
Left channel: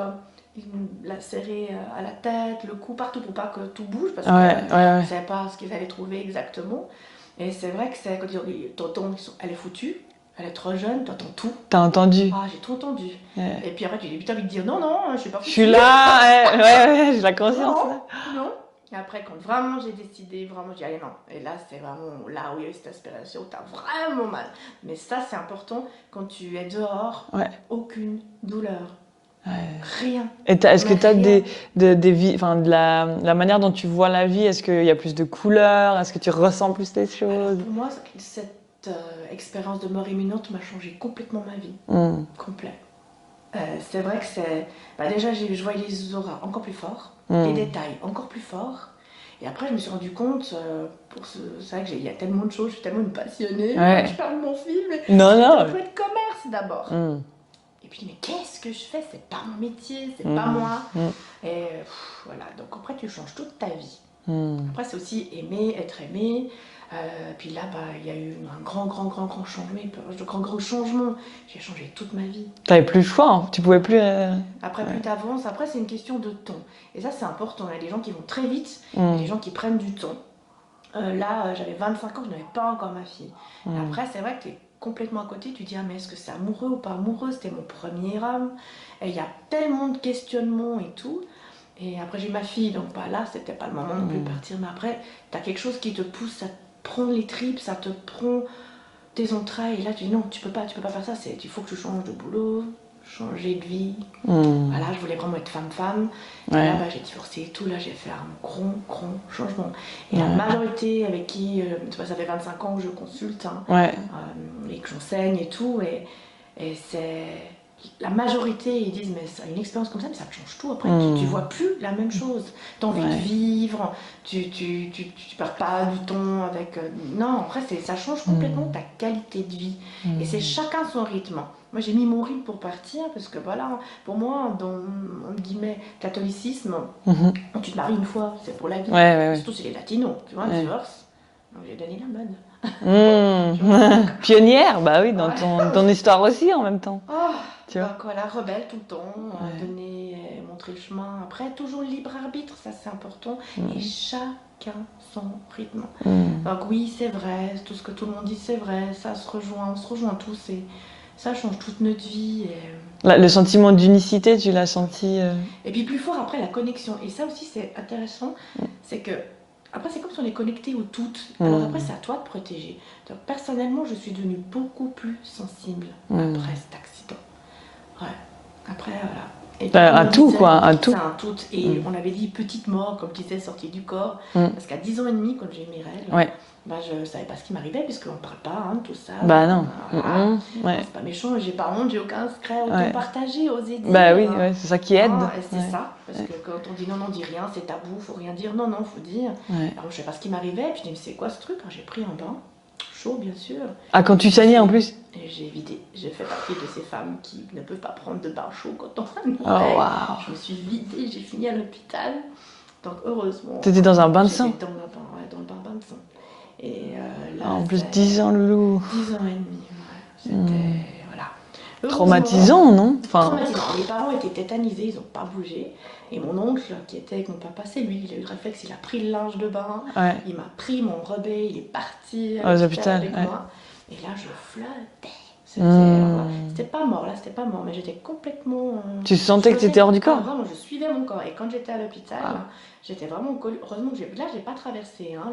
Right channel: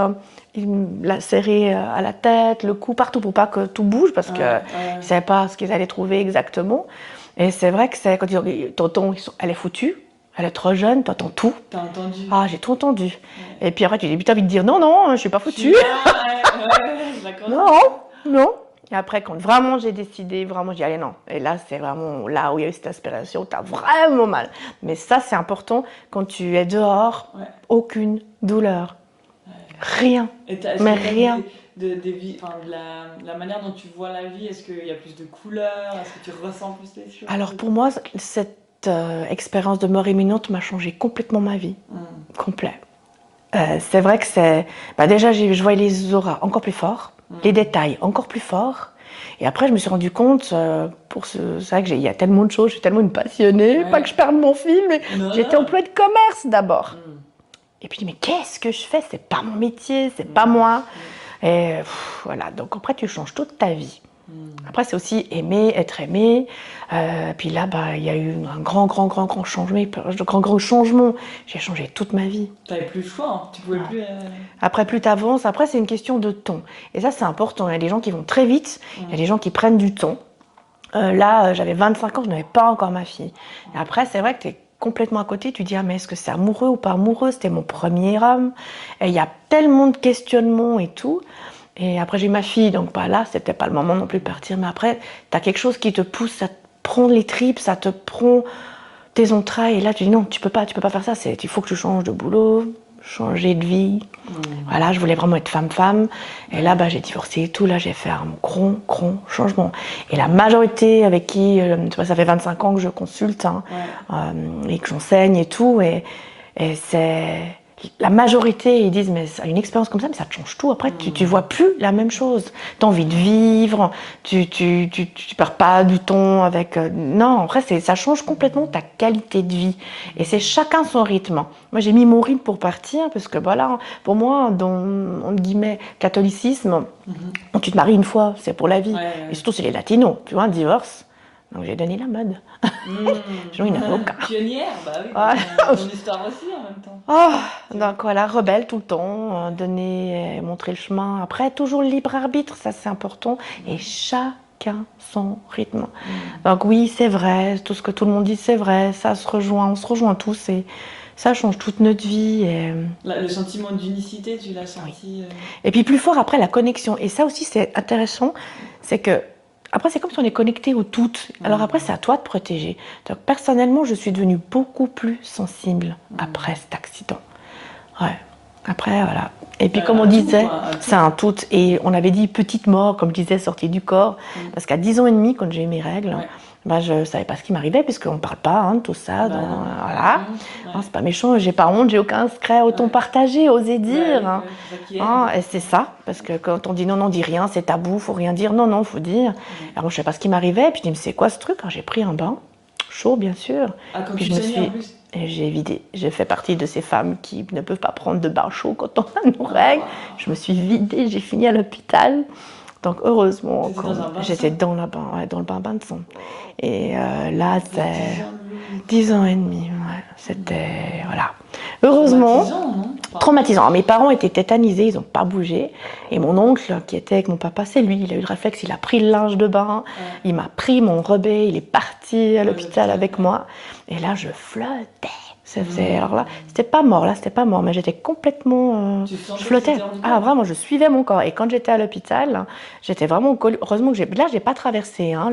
la serrer à la tête, le cou, partout pour pas que tout bouge parce que je savais pas ce qu'ils allaient trouver exactement. Et c'est vrai que quand ils disent tonton, elle est foutue, elle est trop jeune, toi t'entends tout. T'as entendu? Ah, j'ai tout entendu. Et puis après tu dis, t'as envie de dire non, je suis pas foutue. Je suis là, je la connais. Non. Et après, quand vraiment j'ai décidé, vraiment j'ai dit, allez non. Et là, c'est vraiment là où il y a eu cette aspiration, t'as vraiment mal. Mais ça, c'est important, quand tu es dehors, aucune douleur. Rien. Est-ce que tu as de la manière dont tu vois la vie, est-ce qu'il y a plus de couleurs? Est-ce que tu ressens plus les choses? Alors pour moi, cette expérience de mort imminente m'a changé complètement ma vie. Complet. C'est vrai que c'est... déjà, je voyais les auras encore plus forts, les détails encore plus forts. Et après, je me suis rendu compte, c'est vrai qu'il y a tellement de choses, je suis tellement une passionnée, pas que je perde mon fil, mais j'étais employée de commerce d'abord. Et puis, mais qu'est-ce que je fais? C'est pas mon métier, c'est pas moi. Et voilà, donc après, tu changes toute ta vie. Après, c'est aussi aimer, être aimé. Puis là, il y a eu un grand changement. J'ai changé toute ma vie. T'avais plus le choix, hein. Tu pouvais plus... Après, plus t'avances, après, c'est une question de temps. Et ça, c'est important. Il y a des gens qui vont très vite, il y a des gens qui prennent du temps. Là, j'avais 25 ans, je n'avais pas encore ma fille. Et après, c'est vrai que t'es complètement à côté, tu dis, mais est-ce que c'est amoureux ou pas amoureux? C'était mon premier homme. Et il y a tellement de questionnements et tout. Et après, j'ai eu ma fille, donc là, c'était pas le moment non plus de partir. Mais après, t'as quelque chose qui te pousse, ça te prend les tripes, ça te prend tes entrailles. Et là, tu dis, non, tu peux pas faire ça. Il faut que tu changes de boulot, changer de vie. Voilà, je voulais vraiment être femme-femme. Et là, j'ai divorcé et tout. Là, j'ai fait un grand changement. Et la majorité avec qui, ça fait 25 ans que je consulte et que j'enseigne et tout. Et c'est... La majorité, ils disent, mais une expérience comme ça, mais ça te change tout. Après, tu vois plus la même chose. Tu as envie de vivre, tu perds pas du temps avec... non, après, ça change complètement ta qualité de vie. Et c'est chacun son rythme. Moi, j'ai mis mon rythme pour partir, parce que voilà, pour moi, dans, entre guillemets, catholicisme, tu te maries une fois, c'est pour la vie. Et surtout, c'est les latinos, tu vois, un divorce. Donc j'ai donné la mode. Pionnière, oui, dans ton histoire aussi en même temps. Donc voilà, rebelle tout le temps, donner, montrer le chemin. Après, toujours le libre arbitre, ça c'est important. Et chacun son rythme. Donc oui, c'est vrai, tout ce que tout le monde dit, c'est vrai, ça se rejoint, on se rejoint tous et ça change toute notre vie. Et... Le sentiment d'unicité, tu l'as senti Et puis plus fort après, la connexion. Et ça aussi, c'est intéressant, c'est que après, c'est comme si on est connecté au tout. Alors après, c'est à toi de protéger. Donc, personnellement, je suis devenue beaucoup plus sensible après cet accident. Ouais. Après, voilà. Et puis, Un comme on tout, disait, quoi, un tout. c'est un tout. Et on avait dit petite mort, comme je disais, sortie du corps. Parce qu'à 10 ans et demi, quand j'ai eu mes règles, Ouais. bah, je ne savais pas ce qui m'arrivait, puisqu'on ne parle pas hein, de tout ça. Bah donc, non. voilà. Ouais. Non, c'est pas méchant, j'ai pas honte, j'ai aucun secret, autant Ouais. partager, oser dire. Bah oui, ouais, c'est ça qui aide. Hein, et c'est Ouais. ça, parce que quand on dit non, non, dis rien, c'est tabou, faut rien dire. Non, non, faut dire. Ouais. Alors moi, je sais pas ce qui m'arrivait, puis je dis, mais c'est quoi ce truc? Alors, j'ai pris un bain, chaud, bien sûr. Ah, quand Puis tu je me saignais en suis- plus? Et j'ai vidé. J'ai fait partie de ces femmes qui ne peuvent pas prendre de bain chaud quand on a nos Oh, règles. waouh. Je me suis vidée, j'ai fini à l'hôpital. Donc heureusement. T'étais dans un bain de sang? J'étais dans, dans le bain de sang. Et là, En plus, c'est 10 ans, loulou. 10 ans et demi. Ouais. C'était. Voilà. Heureusement. Traumatisant, non? Enfin, Traumatisant. Mes parents étaient tétanisés, ils n'ont pas bougé. Et mon oncle, qui était avec mon papa, c'est lui, il a eu le réflexe, il a pris le linge de bain, ouais. il m'a pris mon rebais, il est parti à l'hôpital avec ouais. moi. Et là, je flottais. Alors là, c'était pas mort, mais j'étais complètement. Tu sentais que c'était hors du corps? Ah, vraiment, je suivais mon corps. Et quand j'étais à l'hôpital, j'étais vraiment. Heureusement que j'ai pas traversé, hein,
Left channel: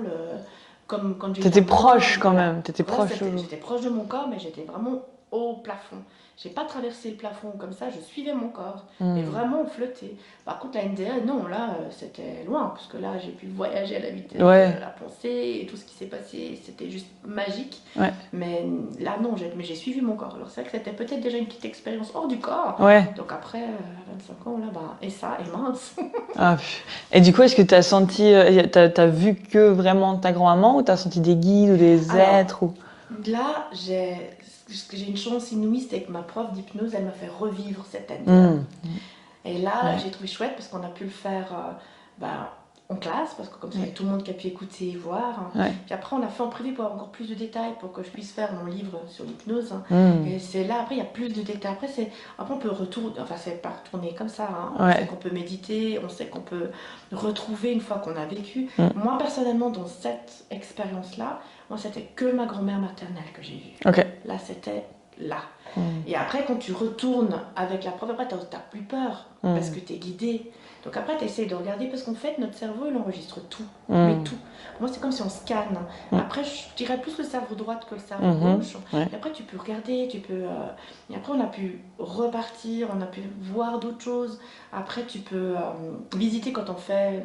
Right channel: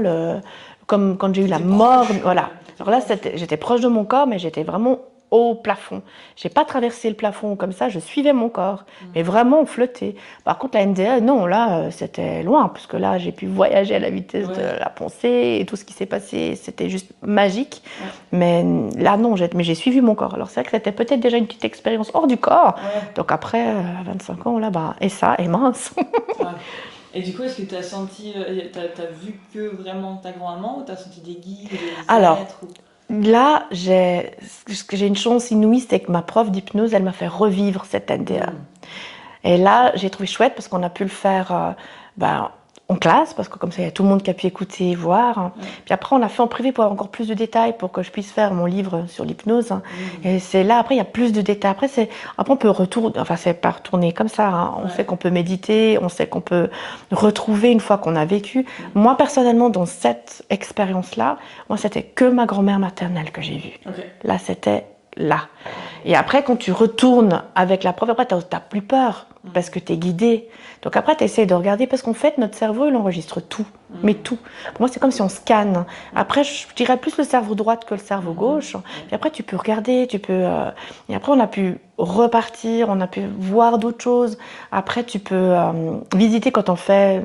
comme quand j'ai eu la mort. Proche, quand voilà. même. Alors là, j'étais proche de mon corps, mais j'étais vraiment au plafond. J'ai pas traversé le plafond comme ça, je suivais mon corps, mais vraiment on flottait. Par contre, la NDE, non, là, c'était loin, parce que là, j'ai pu voyager à la vitesse de la pensée, et tout ce qui s'est passé, c'était juste magique. Ouais. Mais là, non, j'ai suivi mon corps. Alors, c'est vrai que c'était peut-être déjà une petite expérience hors du corps. Ouais. Donc après, à 25 ans, là, bah, et ça, et mince. Ah. Et du coup, est-ce que tu as senti, t'as vu que vraiment ta grand-maman, ou tu as senti des guides ou des êtres ou... Là, j'ai une chance inouïe, c'est que ma prof d'hypnose, elle m'a fait revivre cette NDE. Et là, j'ai trouvé chouette parce qu'on a pu le faire en classe, parce que comme ça, il y a tout le monde qui a pu écouter et voir. Ouais. Puis après, on l'a fait en privé pour avoir encore plus de détails, pour que je puisse faire mon livre sur l'hypnose. Et c'est là, après, il y a plus de détails. Après, on peut retourner, enfin, c'est pas retourner comme ça. Hein. On sait qu'on peut méditer, on sait qu'on peut retrouver une fois qu'on a vécu. Moi, personnellement, dans cette expérience-là, moi, c'était que ma grand-mère maternelle que j'ai vue. Okay. Là, c'était là. Et après, quand tu retournes avec la prof, après, t'as plus peur, parce que t'es guidé. Donc après, tu essaies de regarder, parce qu'en fait, notre cerveau, il enregistre tout, mais tout. Pour moi, c'est comme si on scanne. Après, je dirais plus le cerveau droit que le cerveau gauche. Et après, tu peux regarder, et après, on a pu repartir, on a pu voir d'autres choses. Après, tu peux visiter quand on fait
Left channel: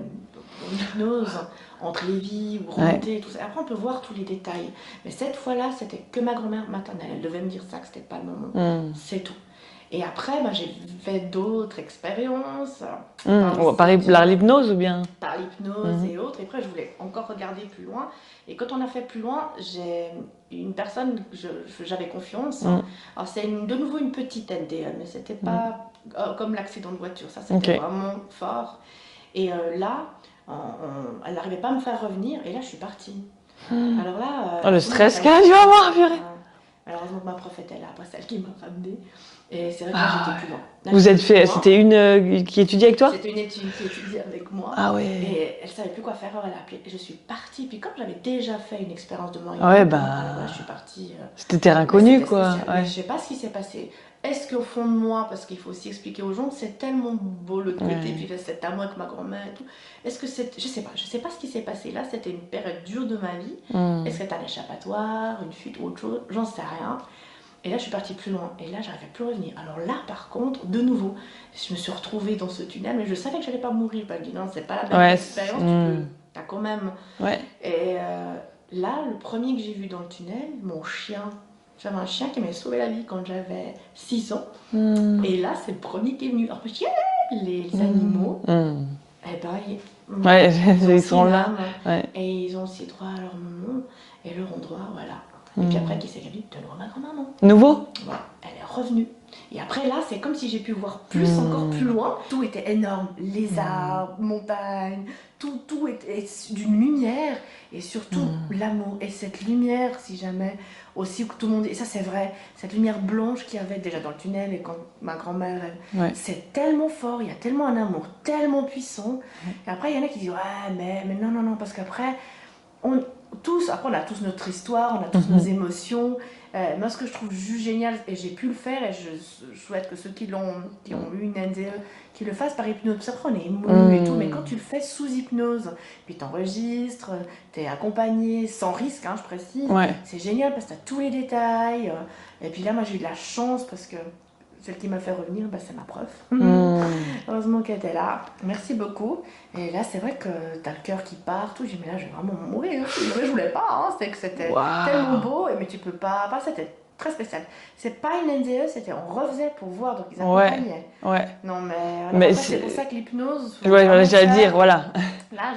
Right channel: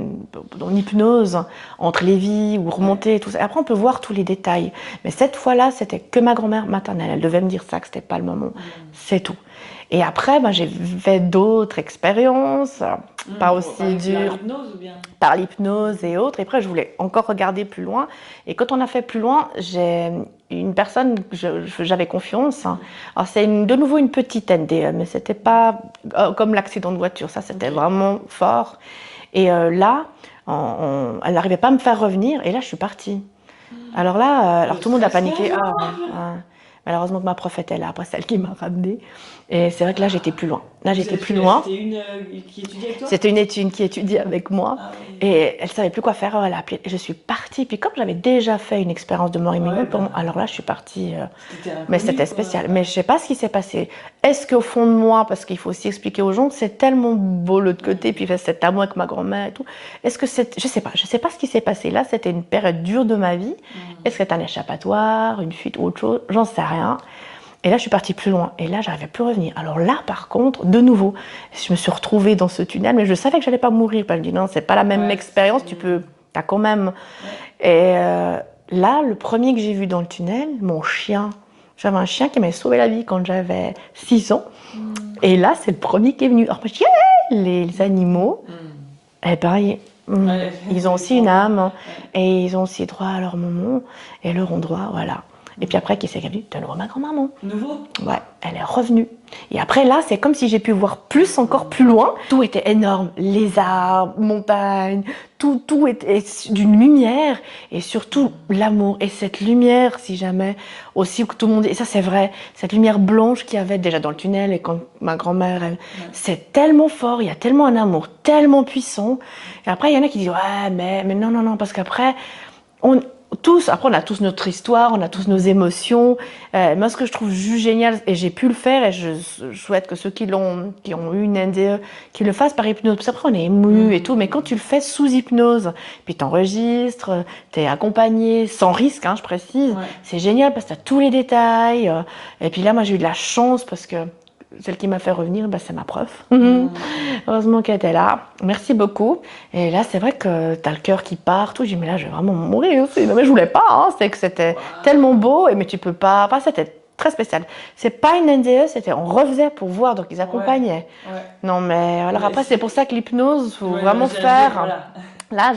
en hypnose, entre les vies, ou remonter, et tout ça. Après, on peut voir tous les détails. Mais cette fois-là, c'était que ma grand-mère maternelle. Elle devait me dire ça, que c'était pas le moment. C'est tout. Et après, j'ai fait d'autres expériences. Par l'hypnose ou bien? Par l'hypnose et autres. Et après, je voulais encore regarder plus loin. Et quand on a fait plus loin, j'ai une personne que j'avais confiance. Alors, c'est de nouveau une petite NDE, mais c'était pas comme l'accident de voiture. Ça, c'était vraiment fort. Et là, elle n'arrivait pas à me faire revenir. Et là, je suis partie. Alors là, le tout le monde a stress paniqué. Malheureusement que ma prof était là, après celle qui m'a ramenée. Et c'est vrai que là, j'étais plus loin. Là, c'était une qui étudiait avec toi? C'était une qui étudiait avec moi. Ah ouais. Et elle savait plus quoi faire. Elle a appelé. Et je suis partie. Puis comme j'avais déjà fait une expérience de mort imminente, alors là, je suis partie. C'était terrain connu, c'était spécial. Mais je sais pas ce qui s'est passé. Est-ce qu'au fond de moi, parce qu'il faut aussi expliquer aux gens, c'est tellement beau l'autre côté, puis cet amour avec ma grand-mère et tout. Est-ce que je sais pas ce qui s'est passé. Là, c'était une période dure de ma vie. Est-ce que c'était un échappatoire, une fuite ou autre chose? J'en sais rien. Et là, je suis partie plus loin. Et là, j'arrivais plus à revenir. Alors là, par contre, de nouveau, je me suis retrouvée dans ce tunnel, mais je savais que j'allais pas mourir. Je me dis non, c'est pas la même expérience. T'as quand même. Ouais. Et là, le premier que j'ai vu dans le tunnel, mon chien. J'avais un chien qui m'avait sauvé la vie quand j'avais 6 ans. Et là, c'est le premier qui est venu. Alors, je dis, les animaux, eh ben, ils ont aussi une âme. Et ils ont aussi droit à leur moment et leur endroit, voilà. Et puis après, qui s'est dit, de nouveau ma grand-maman. Nouveau? Ouais, elle est revenue. Et après, là, c'est comme si j'ai pu voir plus, encore plus loin. Tout était énorme. Les arbres, montagnes, tout était d'une lumière. Et surtout, l'amour. Et cette lumière, si jamais, aussi que tout le monde... Et ça, c'est vrai. Cette lumière blanche qu'il y avait déjà dans le tunnel. Et quand ma grand-mère, c'est tellement fort. Il y a tellement un amour tellement puissant. Et après, il y en a qui disent, ouais, mais non, parce qu'après, après, on a tous notre histoire, on a tous nos émotions. Moi, ce que je trouve juste génial, et j'ai pu le faire, et je souhaite que ceux qui ont eu une NDE, qu'ils le fassent par hypnose. Parce qu'après, on est ému et tout, mais quand tu le fais sous hypnose, puis t'enregistres, t'es accompagné, sans risque, hein, je précise, c'est génial parce que t'as tous les détails. Et puis là, moi, j'ai eu de la chance parce que celle qui m'a fait revenir, c'est ma prof. Heureusement qu'elle était là. Merci beaucoup. Et là, c'est vrai que tu as le cœur qui part. Tout. J'ai dit, mais là, je vais vraiment mourir. Non, mais je voulais pas. Hein. C'était tellement beau. Mais tu peux pas. Enfin, c'était très spécial. C'est pas une NDE, on refaisait pour voir. Donc, ils accompagnaient. Ouais. Non, mais voilà. Après, c'est pour ça que l'hypnose, faut vraiment vraiment faire. Dire, voilà. Là,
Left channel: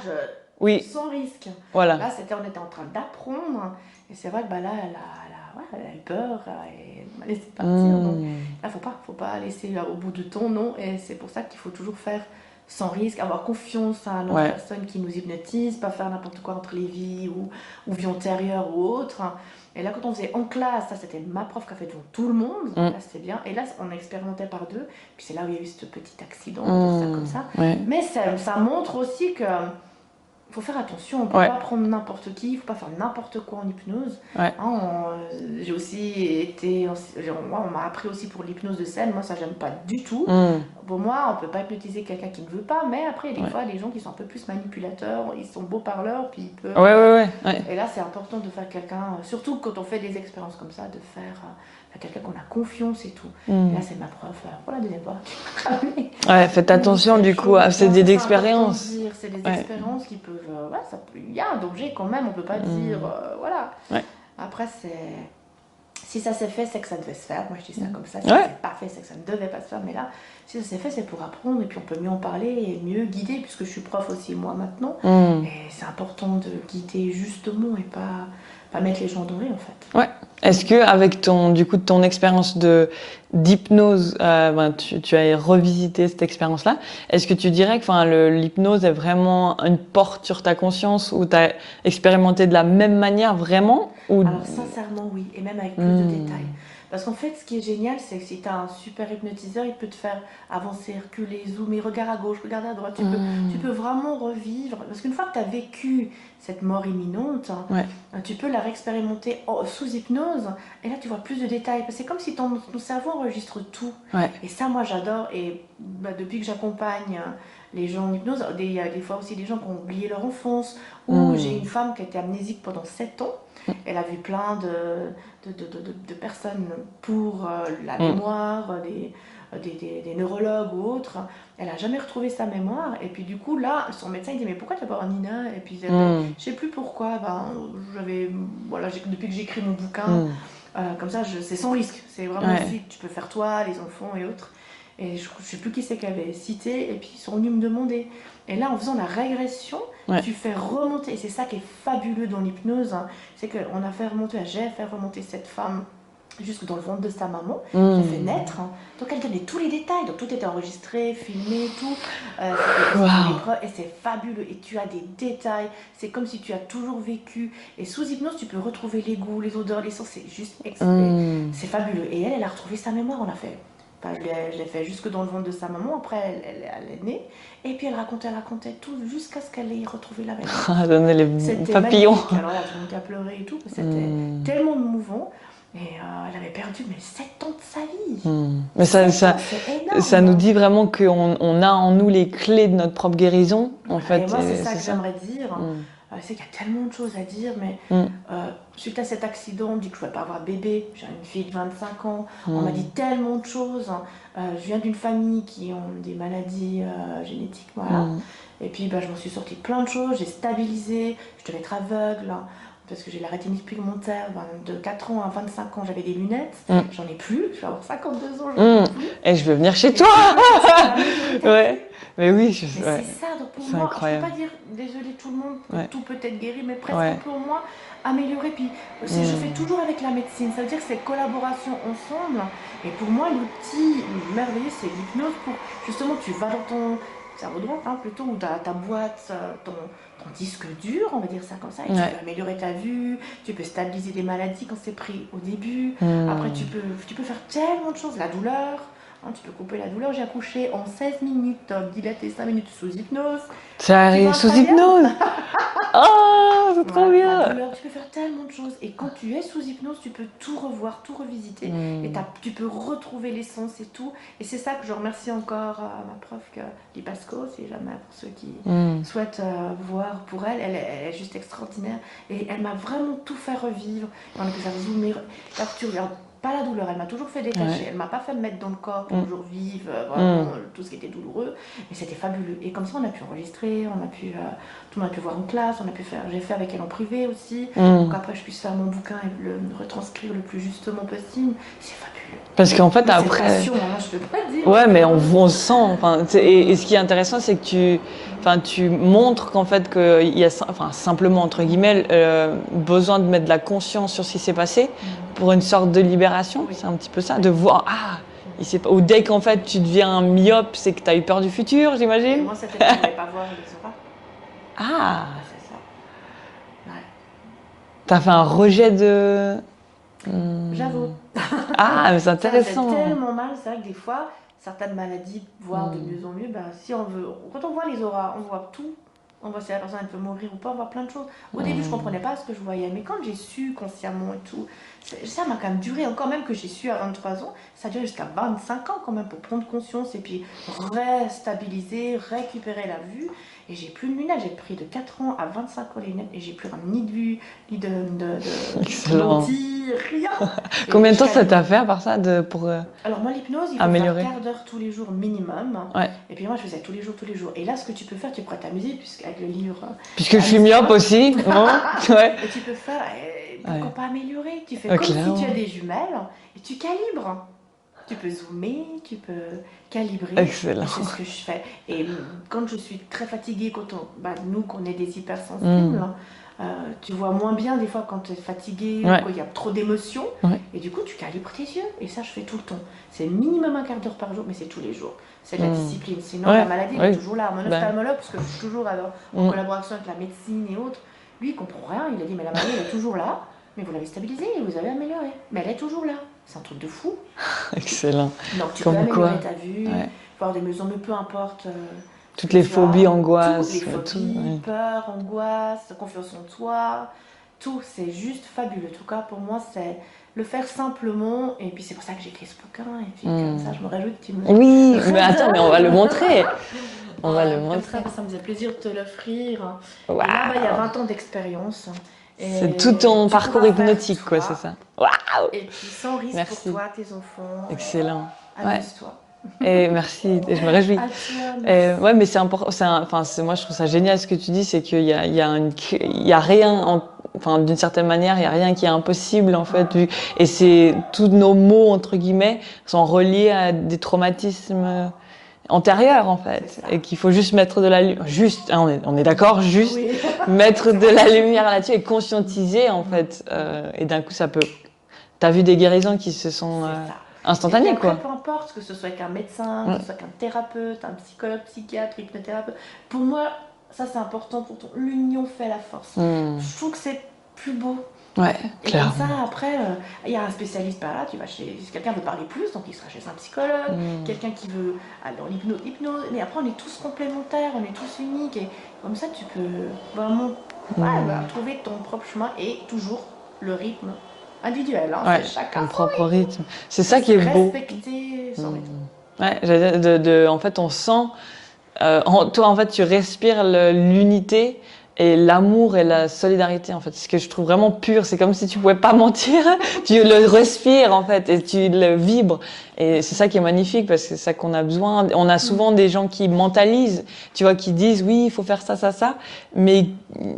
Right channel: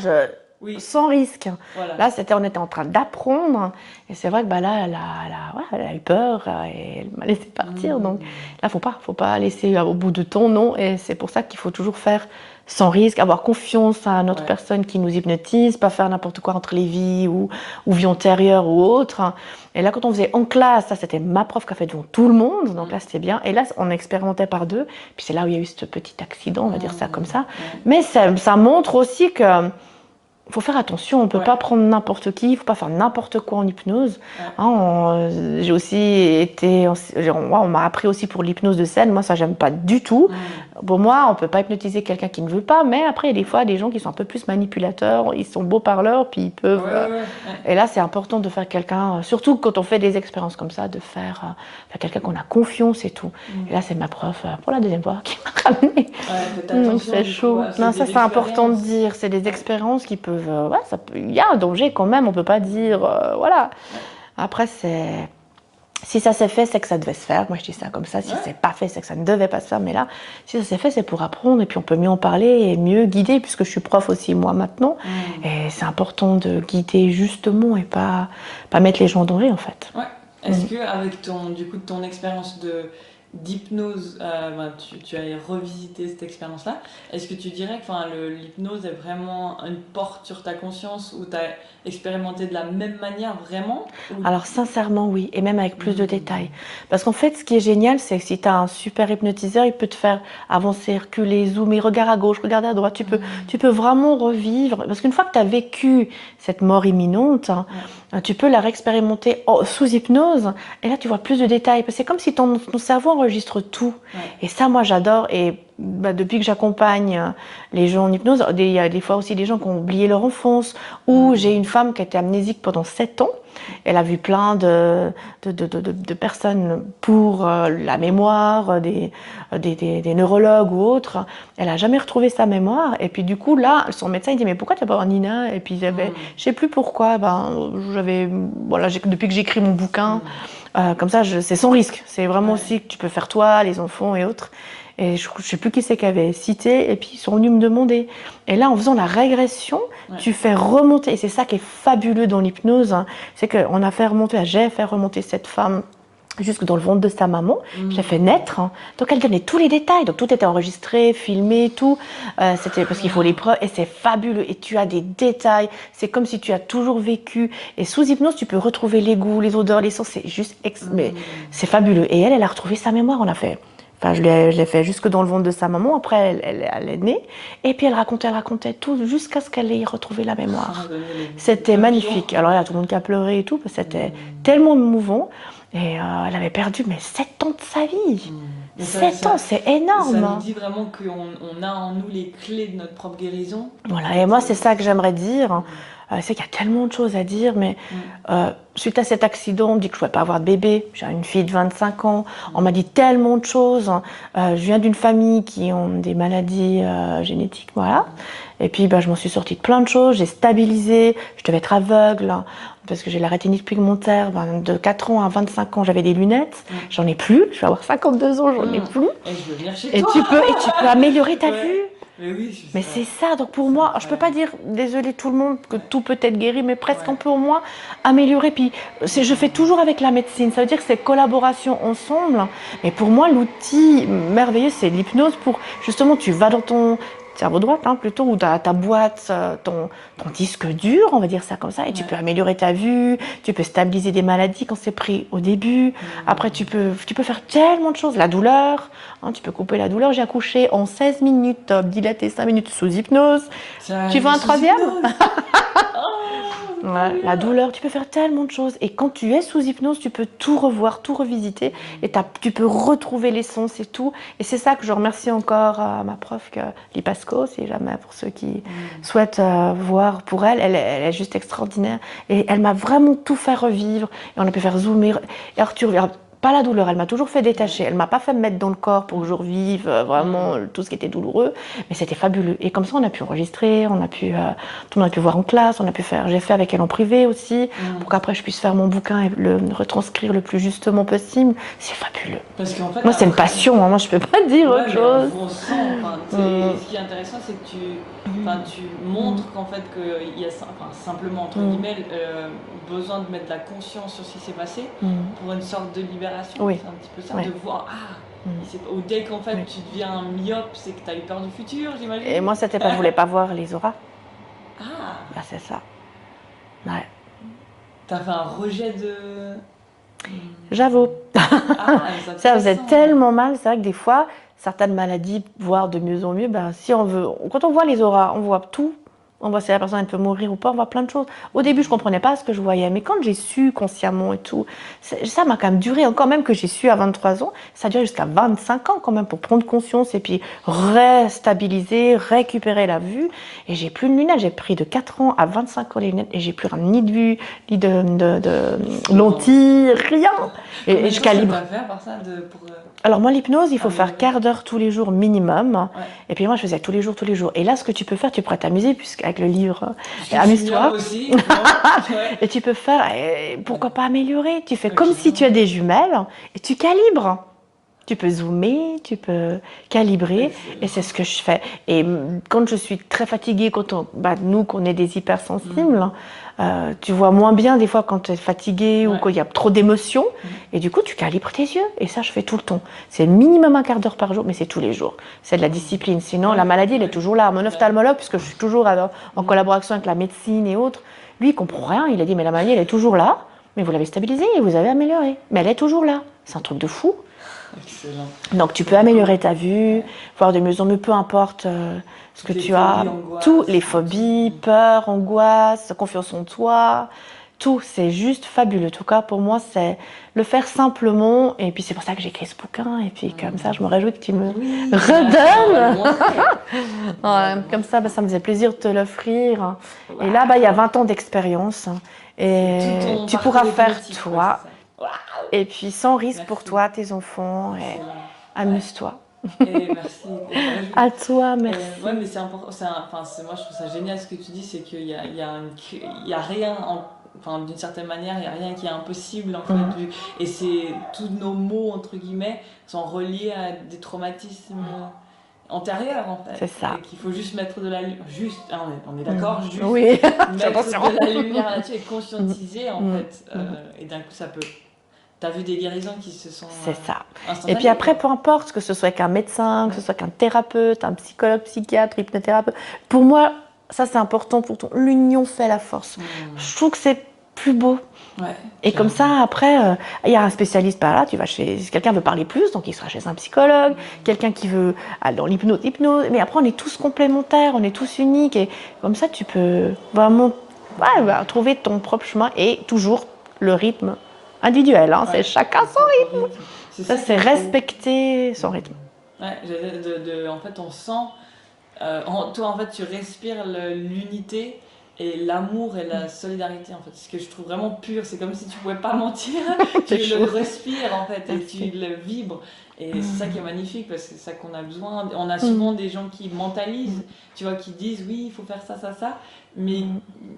sans risque. Voilà. Là, on était en train d'apprendre. Et c'est vrai que là, elle a eu peur et elle m'a laissé partir. Donc là, faut pas laisser au bout de ton non. Et c'est pour ça qu'il faut toujours faire sans risque, avoir confiance à notre personne qui nous hypnotise, pas faire n'importe quoi entre les vies ou vie antérieure ou autre. Et là, quand on faisait en classe, ça c'était ma prof qui a fait devant tout le monde, donc là c'était bien. Et là, on expérimentait par deux. Puis c'est là où il y a eu ce petit accident, on va dire ça comme ça. Mais ça montre aussi que faut faire attention, on ne peut pas prendre n'importe qui, il ne faut pas faire n'importe quoi en hypnose. J'ai aussi été... on m'a appris aussi pour l'hypnose de scène, moi ça j'aime pas du tout. Pour moi, on ne peut pas hypnotiser quelqu'un qui ne veut pas, mais après il y a des fois des gens qui sont un peu plus manipulateurs, ils sont beaux parleurs, puis ils peuvent... Et là c'est important de faire quelqu'un, surtout quand on fait des expériences comme ça, de faire quelqu'un qu'on a confiance et tout. Et là c'est ma prof, pour la deuxième fois, qui m'a ramené. Faites attention du coup, c'est des expériences. C'est important de dire, c'est des expériences qui peuvent... il y a un danger quand même, on ne peut pas dire... voilà. Après, si ça s'est fait, c'est que ça devait se faire. Moi, je dis ça comme ça. Si ça s'est pas fait, c'est que ça ne devait pas se faire. Mais là, si ça s'est fait, c'est pour apprendre. Et puis, on peut mieux en parler et mieux guider, puisque je suis prof aussi, moi, maintenant. Et c'est important de guider justement et pas mettre les gens en danger, en fait. Ouais. Est-ce que avec ton expérience d'hypnose, tu as revisité cette expérience-là, est-ce que tu dirais que l'hypnose est vraiment une porte sur ta conscience où tu as expérimenté de la même manière vraiment Alors sincèrement oui, et même avec plus de détails. Parce qu'en fait, ce qui est génial, c'est que si tu as un super hypnotiseur, il peut te faire avancer, reculer, zoomer, regarde à gauche, regarde à droite, tu peux vraiment revivre. Parce qu'une fois que tu as vécu cette mort imminente, tu peux la réexpérimenter sous hypnose, et là tu vois plus de détails. C'est comme si ton cerveau enregistre tout. Et ça, moi j'adore. Et depuis que j'accompagne les gens en hypnose, il y a des fois aussi des gens qui ont oublié leur enfance, ou j'ai une femme qui a été amnésique pendant 7 ans. Elle a vu plein de personnes pour la mémoire, des neurologues ou autres. Elle n'a jamais retrouvé sa mémoire. Et puis du coup, là, son médecin il dit « Mais pourquoi tu n'as pas voir Nina ?» Et puis je ne sais plus pourquoi. Depuis que j'écris mon bouquin, comme ça, c'est sans risque. C'est vraiment aussi que tu peux faire toi, les enfants et autres. Et je ne sais plus qui c'est qui avait cité, et puis ils sont venus me demander. Et là, en faisant la régression, tu fais remonter, et c'est ça qui est fabuleux dans l'hypnose, c'est que j'ai fait remonter cette femme jusque dans le ventre de sa maman, je l'ai fait naître, donc elle donnait tous les détails, donc tout était enregistré, filmé, tout, c'était parce qu'il faut les preuves, et c'est fabuleux, et tu as des détails, c'est comme si tu as toujours vécu, et sous hypnose, tu peux retrouver les goûts, les odeurs, les sons, c'est juste, c'est fabuleux, et elle a retrouvé sa mémoire, on a fait... je l'ai fait jusque dans le ventre de sa maman. Après, elle est née. Et puis, elle racontait tout jusqu'à ce qu'elle ait retrouvé la mémoire. C'était magnifique. Alors, il y a tout le monde qui a pleuré et tout. C'était tellement émouvant. Et elle avait perdu 7 ans de sa vie. Mais 7 ans, c'est énorme. Ça nous dit vraiment qu'on a en nous les clés de notre propre guérison. Voilà. Et moi, c'est ça que j'aimerais dire. C'est qu'il y a tellement de choses à dire, mais suite à cet accident, on me dit que je ne pouvais pas avoir de bébé. J'ai une fille de 25 ans. On m'a dit tellement de choses. Je viens d'une famille qui ont des maladies génétiques, voilà. Et puis, je m'en suis sortie de plein de choses. J'ai stabilisé. Je devais être aveugle, parce que j'ai la rétinite pigmentaire. De 4 ans à 25 ans, j'avais des lunettes. J'en ai plus. Je vais avoir 52 ans, j'en ai plus. Et je veux venir chez toi. Tu peux améliorer ta vue. Mais oui, c'est ça, donc pour moi, je ne peux pas dire, désolé tout le monde, que tout peut être guéri, mais presque on peut au moins améliorer. Puis je fais toujours avec la médecine, ça veut dire que c'est collaboration ensemble. Mais pour moi, l'outil merveilleux, c'est l'hypnose pour, justement, tu vas dans ton cerveau droit, plutôt, ou ta boîte, ton disque dur, on va dire ça comme ça, et tu peux améliorer ta vue, tu peux stabiliser des maladies quand c'est pris au début. Après, tu peux faire tellement de choses. La douleur, tu peux couper la douleur. J'ai accouché en 16 minutes, dilaté 5 minutes sous hypnose. Ça arrive sous hypnose. Oh, c'est trop bien. La douleur, tu peux faire tellement de choses. Et quand tu es sous hypnose, tu peux tout revoir, tout revisiter. Et tu peux retrouver l'essence et tout. Et c'est ça que je remercie encore à ma prof, Lipasco, si jamais, pour ceux qui souhaitent voir pour elle. Elle est juste extraordinaire. Et elle m'a vraiment tout fait revivre. Et on a pu faire zoomer. Et alors, tu regardes pas la douleur, elle m'a toujours fait détacher. Ouais. Elle m'a pas fait me mettre dans le corps pour que je revive vraiment tout ce qui était douloureux. Mais c'était fabuleux. Et comme ça, on a pu enregistrer, tout le monde a pu voir en classe, j'ai fait avec elle en privé aussi, pour qu'après je puisse faire mon bouquin et le retranscrire le plus justement possible. C'est fabuleux. Parce qu'en fait, Moi, c'est une après... passion, hein. Moi, je peux pas te dire. Ouais, autre mais chose. on sent. Enfin, et ce qui est intéressant, c'est que tu montres qu'en fait, qu'il y a simplement, entre guillemets, besoin de mettre de la conscience sur ce qui s'est passé pour une sorte de libération. Oui. C'est un petit peu ça, Oui. de voir, ou dès qu'en fait tu deviens un myope, c'est que tu as eu peur du futur, j'imagine. Et moi, c'était parce que je voulais pas voir les auras. Ah, Bah, c'est ça. Ouais. t'as fait un rejet de... J'avoue. Ah, mais c'est Ça intéressant. faisait tellement mal. C'est vrai que des fois, certaines maladies, voire de mieux en mieux, ben, si on veut, quand on voit les auras, on voit tout. On voit si la personne elle peut mourir ou pas, on voit plein de choses. Au début, je comprenais pas ce que je voyais, mais quand j'ai su consciemment et tout, ça m'a quand même duré, encore même que j'ai su à 23 ans, ça a duré jusqu'à 25 ans quand même pour prendre conscience et puis restabiliser, récupérer la vue. Et j'ai plus de lunettes, j'ai pris de 4 ans à 25 ans les lunettes et j'ai plus ni de vue, ni de lentilles, rien. Combien de je temps ça calibre. t'a fait par ça pour Alors moi, l'hypnose, il faut faire améliorer. quart d'heure tous les jours minimum. Ouais. Et puis moi, je faisais tous les jours. Et là, ce que tu peux faire, tu pourrais t'amuser puisqu'avec le livre. Puisque je suis myope aussi. Bon, ouais. Et tu peux faire, pourquoi pas améliorer? Tu fais Ok, comme si clairement. tu as des jumelles et tu calibres. Tu peux zoomer, tu peux calibrer. Excellent. Et c'est ce que je fais. Et quand je suis très fatiguée, nous, qu'on est des hypersensibles, tu vois moins bien des fois quand tu es fatiguée Ouais. ou qu'il y a trop d'émotions. Ouais. Et du coup, tu calibres tes yeux. Et ça, je fais tout le temps. C'est minimum un quart d'heure par jour, mais c'est tous les jours. C'est de la discipline. Sinon, Ouais. la maladie, elle est toujours là. Mon ophtalmologue, puisque je suis toujours en collaboration avec la médecine et autres, lui, il comprend rien. Il a dit, mais la maladie, elle est toujours là. Mais vous l'avez stabilisée et vous avez amélioré. Mais elle est toujours là. C'est un truc de fou. Excellent. Donc tu Comme peux améliorer quoi. ta vue, voir de mieux en mieux, peu importe ce Toutes que les tu phobies, as. angoisses, Toutes les tout, phobies, ouais. peur, angoisse, confiance en toi. Tout, c'est juste fabuleux. En tout cas, pour moi, c'est le faire simplement. Et puis c'est pour ça que j'ai écrit ce bouquin. Et puis comme ça, je me réjouis que tu me Oui, mais redonnes. attends, on va le montrer. On va Ouais, le comme montrer. ça, ça me faisait plaisir de te l'offrir. Waouh. Et là, il y a 20 ans d'expérience. Et C'est tout ton tu parcours pourras faire hypnotique, toi. quoi, c'est ça. Waouh. Et puis sans risque Merci. pour toi, tes enfants. Excellent. Amuse-toi. Et merci, et je me réjouis. À toi, merci. Ouais, mais c'est important. Moi, je trouve ça génial ce que tu dis, c'est qu'il y a rien, enfin, d'une certaine manière, il n'y a rien qui est impossible en fait. Et c'est tous nos maux entre guillemets sont reliés à des traumatismes antérieurs en fait. C'est ça. Et qu'il faut juste mettre de la lumière. Juste, hein, on est d'accord, juste Oui. mettre Attention. de la lumière là-dessus et conscientiser en fait. Et d'un coup, ça peut. T'as vu des guérisons qui se sont C'est ça. instantanées. Et puis après, quoi. peu importe, que ce soit qu'un médecin, que ce soit qu'un thérapeute, un psychologue, psychiatre, hypnothérapeute, pour moi, ça c'est important pour toi. L'union fait la force. Je trouve que c'est plus beau. Ouais, Et clairement. comme ça, après, il y a un spécialiste par là, tu vas si quelqu'un veut parler plus, donc il sera chez un psychologue, quelqu'un qui veut aller dans l'hypnose, mais après on est tous complémentaires, on est tous uniques, et comme ça tu peux vraiment trouver ton propre chemin, et toujours le rythme individuel, hein, Ouais, c'est chacun son son propre rythme. rythme. C'est ça qui C'est est beau. respecter son rythme. Ouais, en fait, on sent. Toi, en fait, tu respires l'unité et l'amour et la solidarité, en fait. Ce que je trouve vraiment pur, c'est comme si tu pouvais pas mentir. Tu le respires, en fait, et tu le vibres. Et c'est ça qui est magnifique, parce que c'est ça qu'on a besoin. On a souvent des gens qui mentalisent, tu vois, qui disent oui, il faut faire ça, ça, ça. Mais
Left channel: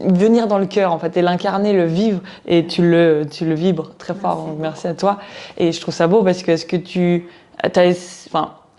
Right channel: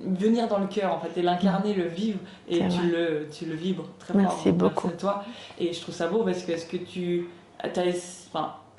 venir dans le cœur, en fait, et l'incarner, le vivre, et tu le vibres très fort. Merci beaucoup. Merci à toi. Et je trouve ça beau, parce que est-ce que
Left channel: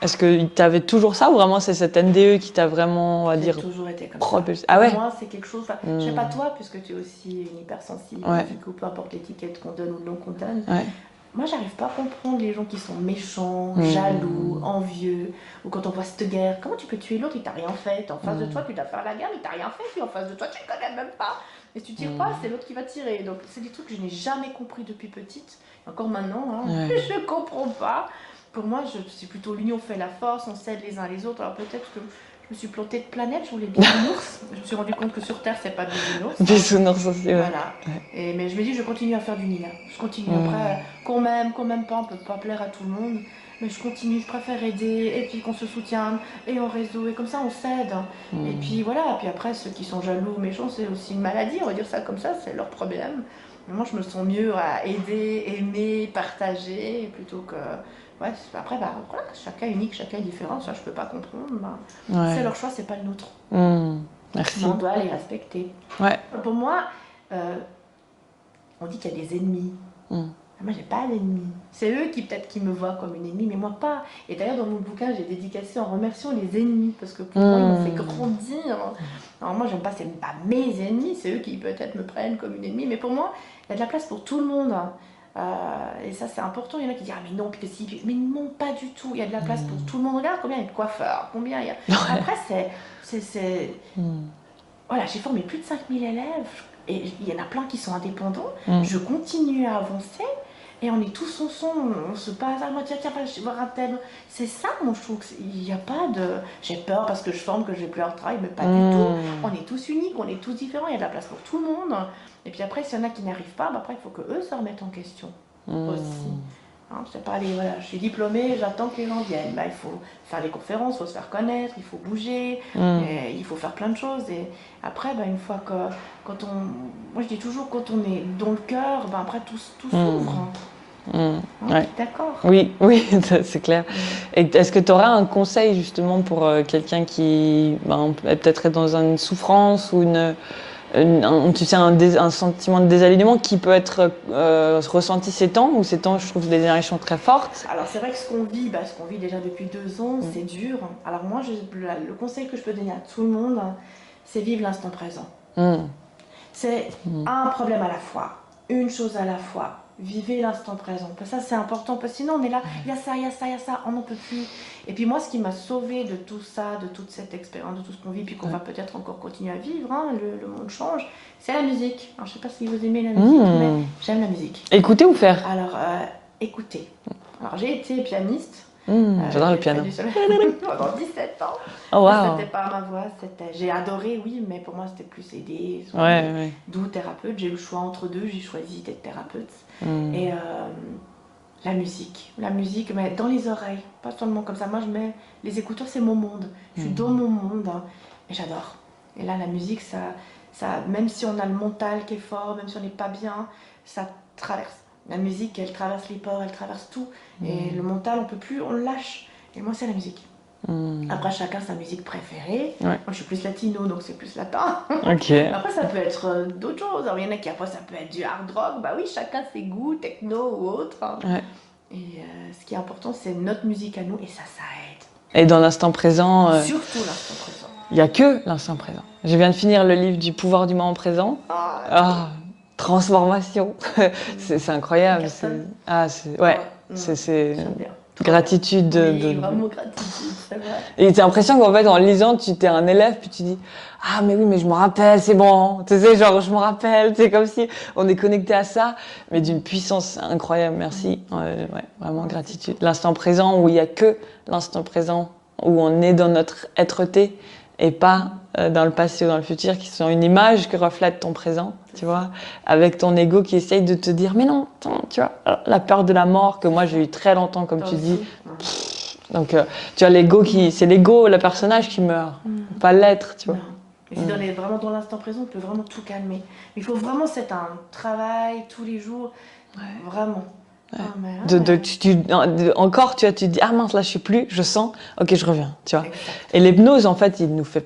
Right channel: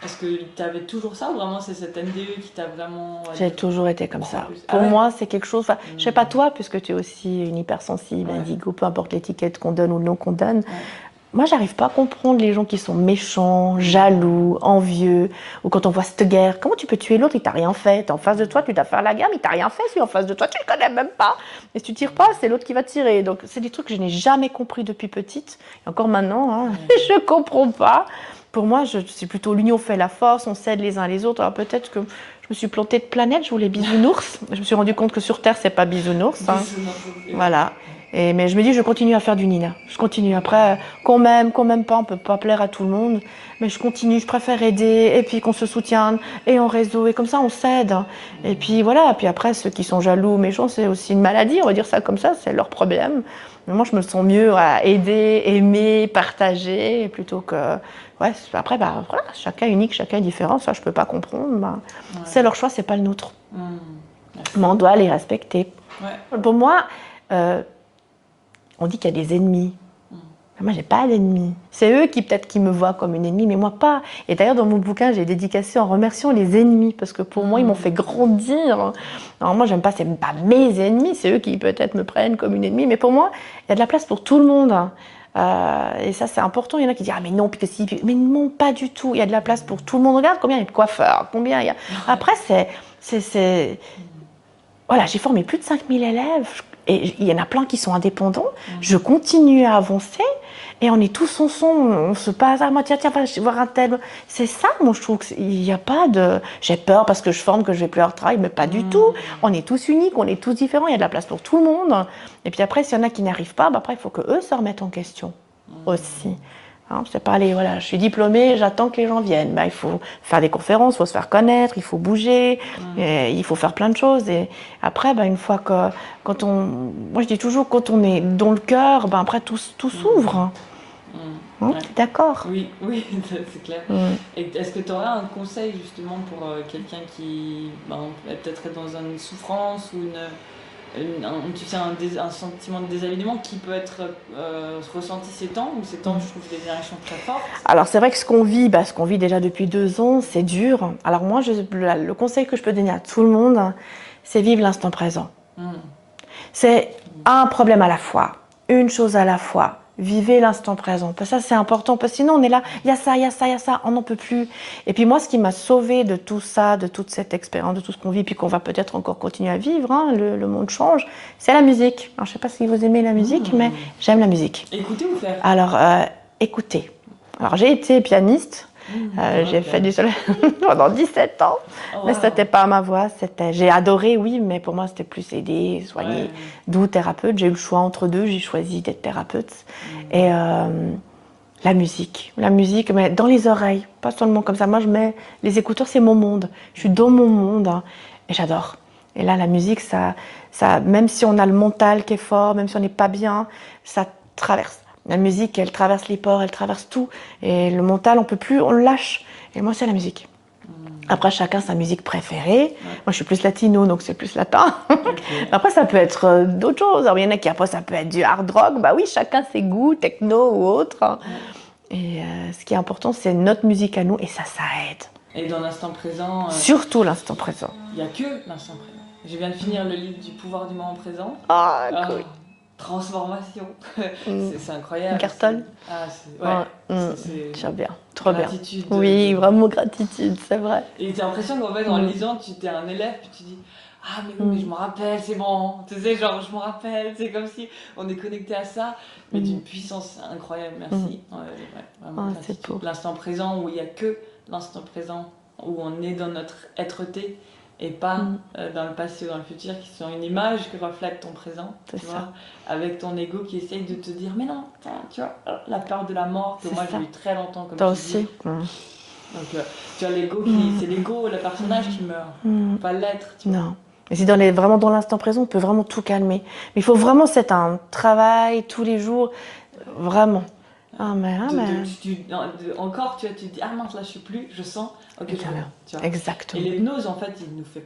est-ce que tu avais toujours ça, ou vraiment c'est cette NDE qui t'a vraiment, on va J'ai dire, toujours été comme ça. propulsé? Pour Ah ouais. moi, c'est quelque chose. Je sais pas toi, puisque tu es aussi une hypersensible, Ouais. indigo, peu importe l'étiquette qu'on donne ou non qu'on donne. Ouais. Moi, j'arrive pas à comprendre les gens qui sont méchants, jaloux, envieux, ou quand on voit cette guerre. Comment tu peux tuer l'autre, il t'a rien fait. T'es en face de toi, tu dois faire la guerre, mais il t'a rien fait. Si en face de toi, tu le connais même pas. Et si tu tires pas, c'est l'autre qui va tirer. Donc, c'est des trucs que je n'ai jamais compris depuis petite. Et encore maintenant, hein, je comprends pas. Pour moi, c'est plutôt l'union fait la force, on s'aide les uns les autres. Alors peut-être que je me suis plantée de planète, je voulais bisounours. Je me suis rendu compte que sur Terre, c'est pas bisounours. Bisounours aussi, ouais. Voilà. Mais je me dis, je continue à faire du Nina. Je continue. Après, qu'on m'aime pas, on peut pas plaire à tout le monde. Mais je continue, je préfère aider, et puis qu'on se soutienne, et en réseau, et comme ça, on s'aide. Et puis voilà, puis après, ceux qui sont jaloux, méchants, c'est aussi une maladie, on va dire ça comme ça, c'est leur problème. Mais moi, je me sens mieux à aider, aimer, partager, plutôt que... Ouais, après, bah, voilà, chacun est unique, chacun est différent, ça, je peux pas comprendre. Bah, c'est leur choix, c'est pas le nôtre. Merci. Mais on doit les respecter. Ouais. Pour moi, on dit qu'il y a des ennemis. Moi, j'ai pas d'ennemis. C'est eux qui peut-être qui me voient comme une ennemie, mais moi pas. Et d'ailleurs, dans mon bouquin, j'ai dédicacé en remerciant les ennemis, parce que pour moi, ils m'ont fait grandir. Alors moi, j'aime pas, c'est pas mes ennemis, c'est eux qui peut-être me prennent comme une ennemie, mais pour moi, il y a de la place pour tout le monde. Et ça, c'est important. Il y en a qui disent « Ah, mais non, puis si... » Mais non, pas du tout. Il y a de la place pour tout le monde. Regarde combien il y a de coiffeurs, combien il y a... Après, Voilà, j'ai formé plus de 5000 élèves. Et il y en a plein qui sont indépendants. Je continue à avancer. Et on est tous ensemble. On se passe « Ah, moi, tiens, va voir un tel... » C'est ça, moi, je trouve qu'il n'y a pas de... J'ai peur parce que je forme, que je vais plus avoir de travail, mais pas du tout. On est tous uniques, on est tous différents. Il y a de la place pour tout le monde. Et puis après, s'il y en a qui n'arrivent pas, bah après, il faut qu'eux se remettent en question aussi. Hein, je sais pas aller, voilà, je suis diplômée, j'attends que les gens viennent. Bah, il faut faire des conférences, il faut se faire connaître, il faut bouger, et il faut faire plein de choses. Et après, bah, une fois que, moi je dis toujours, quand on est dans le cœur, bah, après tout s'ouvre. Ouais. D'accord. Oui, c'est clair. Et est-ce que tu aurais un conseil justement pour quelqu'un qui peut-être est dans une souffrance ou un sentiment de désalignement qui peut être ressenti ces temps, ou ces temps, je trouve, des énergies très fortes? Alors c'est vrai que ce qu'on vit déjà depuis 2 ans, c'est dur. Alors moi, le conseil que je peux donner à tout le monde, c'est vivre l'instant présent. C'est un problème à la fois, une chose à la fois. Vivez l'instant présent. Ça, c'est important, parce que sinon, on est là, il y a ça, il y a ça, il y a ça, on n'en peut plus. Et puis moi, ce qui m'a sauvée de tout ça, de toute cette expérience, de tout ce qu'on vit, puis qu'on va peut-être encore continuer à vivre, hein, le monde change, c'est la musique. Alors, je ne sais pas si vous aimez la musique, mais j'aime la musique. Écouter ou faire? Alors, écoutez. Alors, j'ai été pianiste. J'ai fait du solo pendant 17 ans. Mais c'était pas ma voix. J'ai adoré, oui, mais pour moi, c'était plus aider, soigner. D'où thérapeute. J'ai eu le choix entre deux. J'ai choisi d'être thérapeute. Et la musique, mais dans les oreilles, pas seulement comme ça. Moi, je mets les écouteurs, c'est mon monde. Je suis dans mon monde, hein, et j'adore. Et là, la musique, ça, même si on a le mental qui est fort, même si on n'est pas bien, ça traverse. La musique, elle traverse les pores, elle traverse tout. Et le mental, on peut plus, on le lâche. Et moi, c'est la musique. Après, chacun sa musique préférée. Moi, je suis plus latino, donc c'est plus latin. Après, ça peut être d'autres choses. Alors, il y en a qui, après, ça peut être du hard rock. Bah oui, chacun ses goûts, techno ou autre. Et ce qui est important, c'est notre musique à nous. Et ça aide. Et dans l'instant présent... Surtout l'instant présent. Il n'y a que l'instant présent. Je viens de finir le livre du pouvoir du moment présent. Transformation. C'est incroyable. Cartonne. J'aime bien. Gratitude. Oui, vraiment gratitude, c'est vrai. Et t'as l'impression qu'en fait, en lisant, tu es un élève, puis tu dis « Ah, mais oui, mais je me rappelle, c'est bon. » Tu sais, genre, je me rappelle. C'est comme si on est connecté à ça, mais d'une puissance incroyable. Merci. Vraiment gratitude. L'instant présent, où il n'y a que l'instant présent, où on est dans notre être-té, et pas dans le passé ou dans le futur, qui sont une image que reflète ton présent, tu vois, avec ton ego qui essaye de te dire « Mais non, attends, tu vois, la peur de la mort, que moi j'ai eu très longtemps, comme tu dis. » Donc, tu vois, l'ego c'est l'ego, le personnage qui meurt, pas l'être, tu vois. Non. Mais c'est vraiment dans l'instant présent, on peut vraiment tout calmer. Mais il faut vraiment, c'est un travail tous les jours, vraiment. Encore, tu vois, tu te dis « Ah mince, là je suis plus, je sens, ok, je reviens. » Tu vois. Exactement. Et l'hypnose, en fait, il nous fait...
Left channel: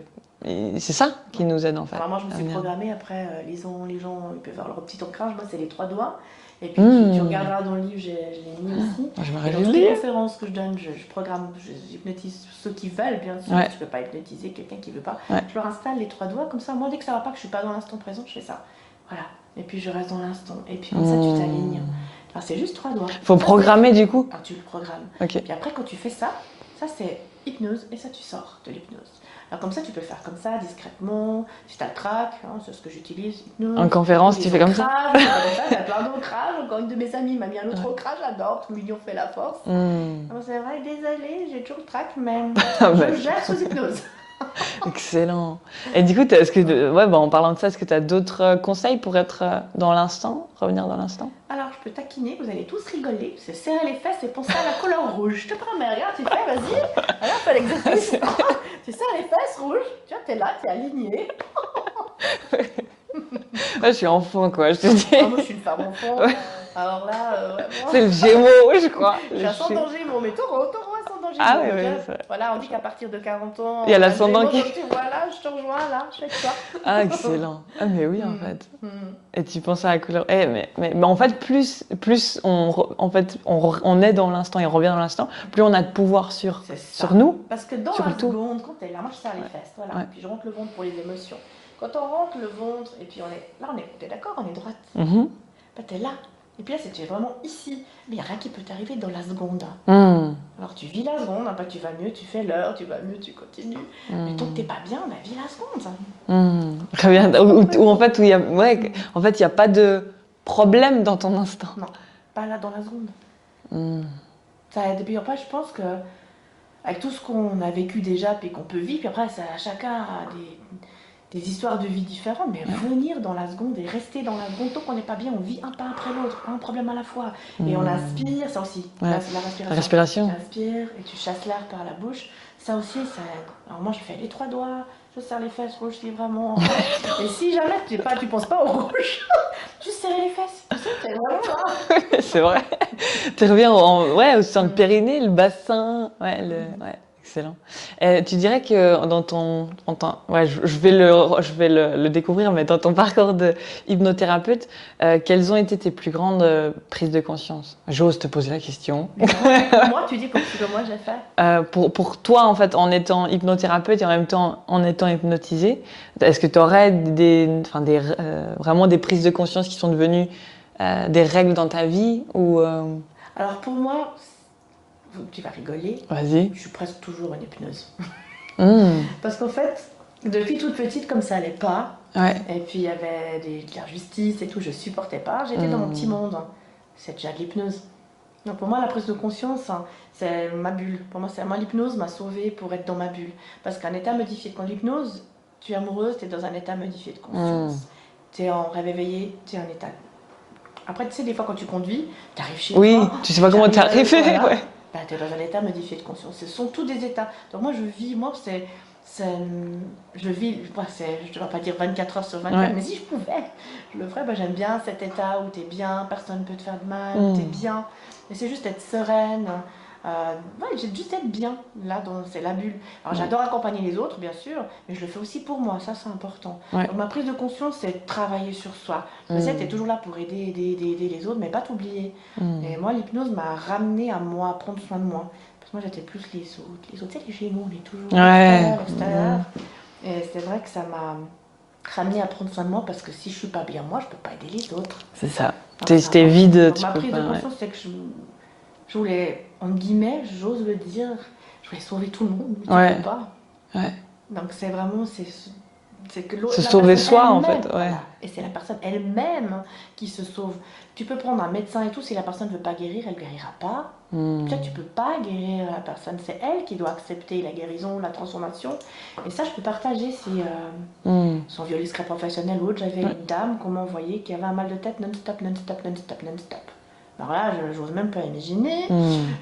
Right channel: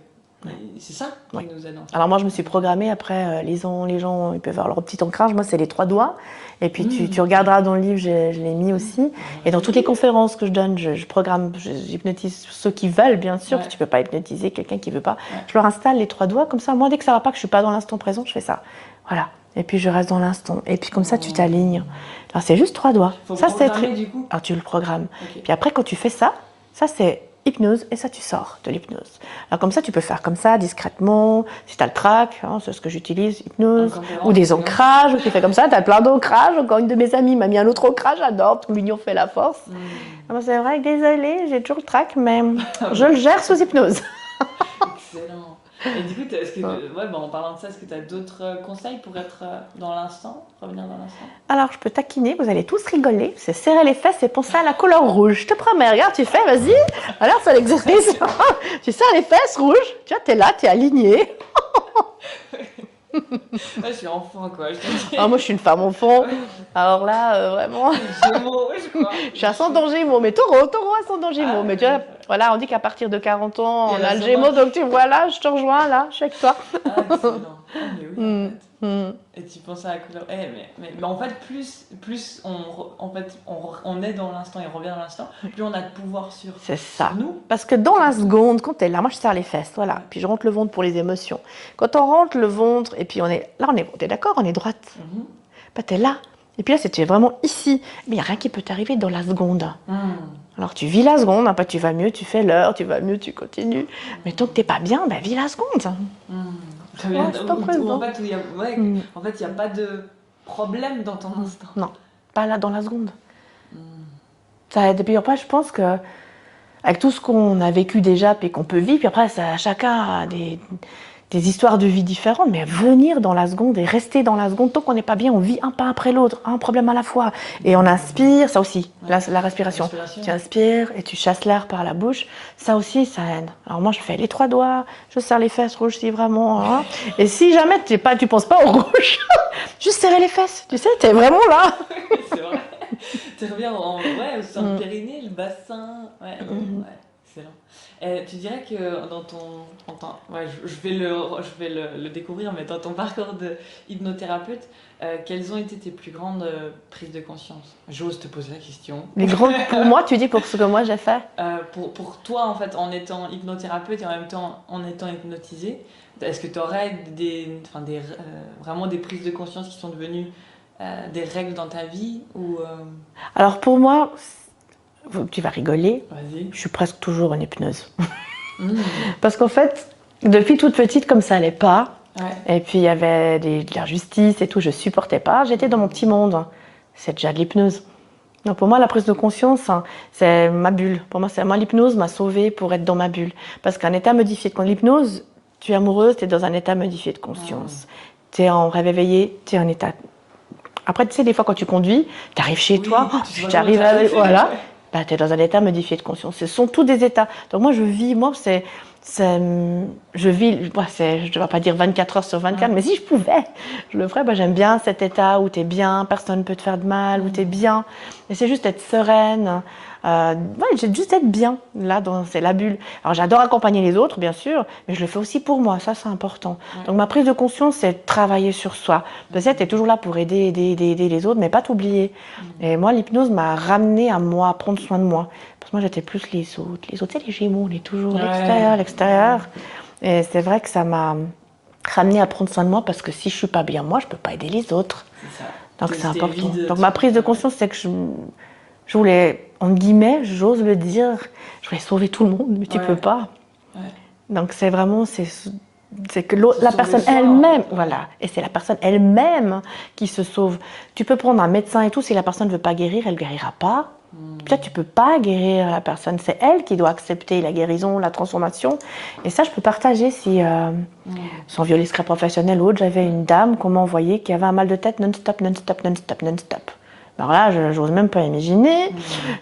C'est ça qui nous aide, en fait. Alors moi, je me suis programmée, après, les gens, ils peuvent avoir leur petit ancrage. Moi, c'est les 3 doigts. Et puis, tu regarderas dans le livre, je l'ai mis aussi. Et dans toutes les conférences que je donne, je programme, j'hypnotise ceux qui veulent, bien sûr. Tu ne peux pas hypnotiser quelqu'un qui ne veut pas. Je leur installe les 3 doigts, comme ça. Moi, dès que ça ne va pas, que je ne suis pas dans l'instant présent, je fais ça. Voilà. Et puis, je reste dans l'instant. Et puis, comme ça, tu t'alignes. Alors, c'est juste 3 doigts. Il faut programmer, du coup. Alors, tu le programmes. Puis après, quand tu fais ça, c'est hypnose, et ça, tu sors de l'hypnose. Alors, comme ça, tu peux faire comme ça, discrètement. Si tu as le trac, hein, c'est ce que j'utilise, hypnose. En conférence, ou des ancrages, tu fais comme ça, tu as plein d'ancrages. Encore une de mes amies m'a mis un autre ancrage, j'adore, tout l'union fait la force. C'est vrai, désolée, j'ai toujours le trac, mais je le gère sous hypnose. Excellent. Et du coup, en parlant de ça, est-ce que tu as d'autres conseils pour être dans l'instant, revenir dans l'instant? Alors, je peux taquiner, vous allez tous rigoler. C'est serrer les fesses et penser à la couleur rouge. Je te promets, regarde, tu fais, vas-y. Alors, c'est l'exercice. Tu serres les fesses rouges, tu vois, t'es là, t'es aligné. Là, je suis enfant, quoi, je te dis. Ah, moi, je suis une femme enfant. Alors là, vraiment. C'est le Gémeaux, je crois. Je suis à 100 danger, moi, mais taureau à 100 danger. Ah, Moi, mais ouais, tu vois, ouais. voilà, on dit qu'à partir de 40 ans, Il y a on a le l'ascendant Gémeaux, qui- donc tu vois, là, je te rejoins, là, je suis avec toi. Ah, excellent. Ah, mais oui, en fait. Et tu penses à la couleur. Mais en fait, plus on est dans l'instant et on revient dans l'instant, plus on a de pouvoir sur nous. Parce que dans la Surtout. seconde, quand tu es là, moi je serre les fesses, voilà, Ouais. puis je rentre le ventre pour les émotions. Quand on rentre le ventre, et puis on est d'accord, on est droite. Bah, tu es là. Et puis là, c'était vraiment ici. Mais il n'y a rien qui peut t'arriver dans la seconde. Alors tu vis la seconde, après tu vas mieux, tu fais l'heure, tu vas mieux, tu continues. Mais tant que tu n'es pas bien, bah, vis la seconde. Très bien. En fait, il n'y a pas de problème dans ton instant. Non, pas là dans la seconde. Depuis après, je pense que avec tout ce qu'on a vécu déjà, puis qu'on peut vivre, puis après, chacun a des histoires de vie différentes, mais venir dans la seconde et rester dans la seconde, tant qu'on n'est pas bien, on vit un pas après l'autre, un problème à la fois. Et on inspire, ça aussi, Ouais. la respiration. Tu inspires et tu chasses l'air par la bouche, ça aussi, ça aide. Alors moi, je fais les 3 doigts, je serre les fesses rouges si vraiment. Hein. Et si jamais tu penses pas au rouge, juste serrer les fesses, tu sais, t'es vraiment là. C'est vrai. Tu reviens au sein de périnée, le bassin. Ouais. Excellent. Tu dirais que dans je vais le découvrir, mais dans ton parcours de hypnothérapeute, quelles ont été tes plus grandes prises de conscience? J'ose te poser la question. Pour moi, tu dis pour ce que moi j'ai fait? Pour toi, en fait, en étant hypnothérapeute et en même temps en étant hypnotisée, est-ce que tu aurais vraiment des prises de conscience qui sont devenues des règles dans ta vie ou Alors pour moi, tu vas rigoler. Vas-y. Je suis presque toujours en hypnose. Parce qu'en fait, depuis toute petite, comme ça allait pas, et puis il y avait de l'injustice et tout, je supportais pas. J'étais dans mon petit monde. C'est déjà de l'hypnose. Donc pour moi, la prise de conscience, c'est ma bulle. Pour moi, l'hypnose m'a sauvée pour être dans ma bulle. Parce qu'un état modifié, quand l'hypnose, tu es amoureuse, tu es dans un état modifié de conscience. Tu es en rêve éveillé, tu es en état. Après, tu sais, des fois, quand tu conduis, tu arrives chez toi. Tu sais pas comment tu arrives. Voilà. Bah, tu es dans un état modifié de conscience. Ce sont tous des états. Donc moi, je vis, je ne vais pas dire 24 heures sur 24, mais si je pouvais, je le ferais. Bah, j'aime bien cet état où tu es bien, personne ne peut te faire de mal, où tu es bien. Et c'est juste être sereine. J'ai juste être bien. Là, c'est la bulle. Alors j'adore accompagner les autres, bien sûr, mais je le fais aussi pour moi. Ça, c'est important. Donc ma prise de conscience, c'est travailler sur soi. Peut-être tu es toujours là pour aider les autres, mais pas t'oublier. Et moi, l'hypnose m'a ramenée à moi, à prendre soin de moi. Parce que moi, j'étais plus les autres. Les autres, c'est les Gémeaux, on est toujours l'extérieur. Et c'est vrai que ça m'a ramenée à prendre soin de moi parce que si je suis pas bien moi, je peux pas aider les autres. C'est ça. T'es vide. Donc ma prise de conscience, c'est que je voulais, en guillemets, j'ose le dire, je voulais sauver tout le monde, mais tu peux pas. Donc c'est vraiment, c'est que la personne elle-même, voilà, et c'est la personne elle-même qui se sauve. Tu peux prendre un médecin et tout, si la personne ne veut pas guérir, elle ne guérira pas. Peut-être tu ne peux pas guérir la personne, c'est elle qui doit accepter la guérison, la transformation. Et ça, je peux partager si, sans violer secret professionnel ou autre, j'avais une dame qu'on m'a envoyée qui avait un mal de tête non-stop. Alors là, je n'ose même pas imaginer,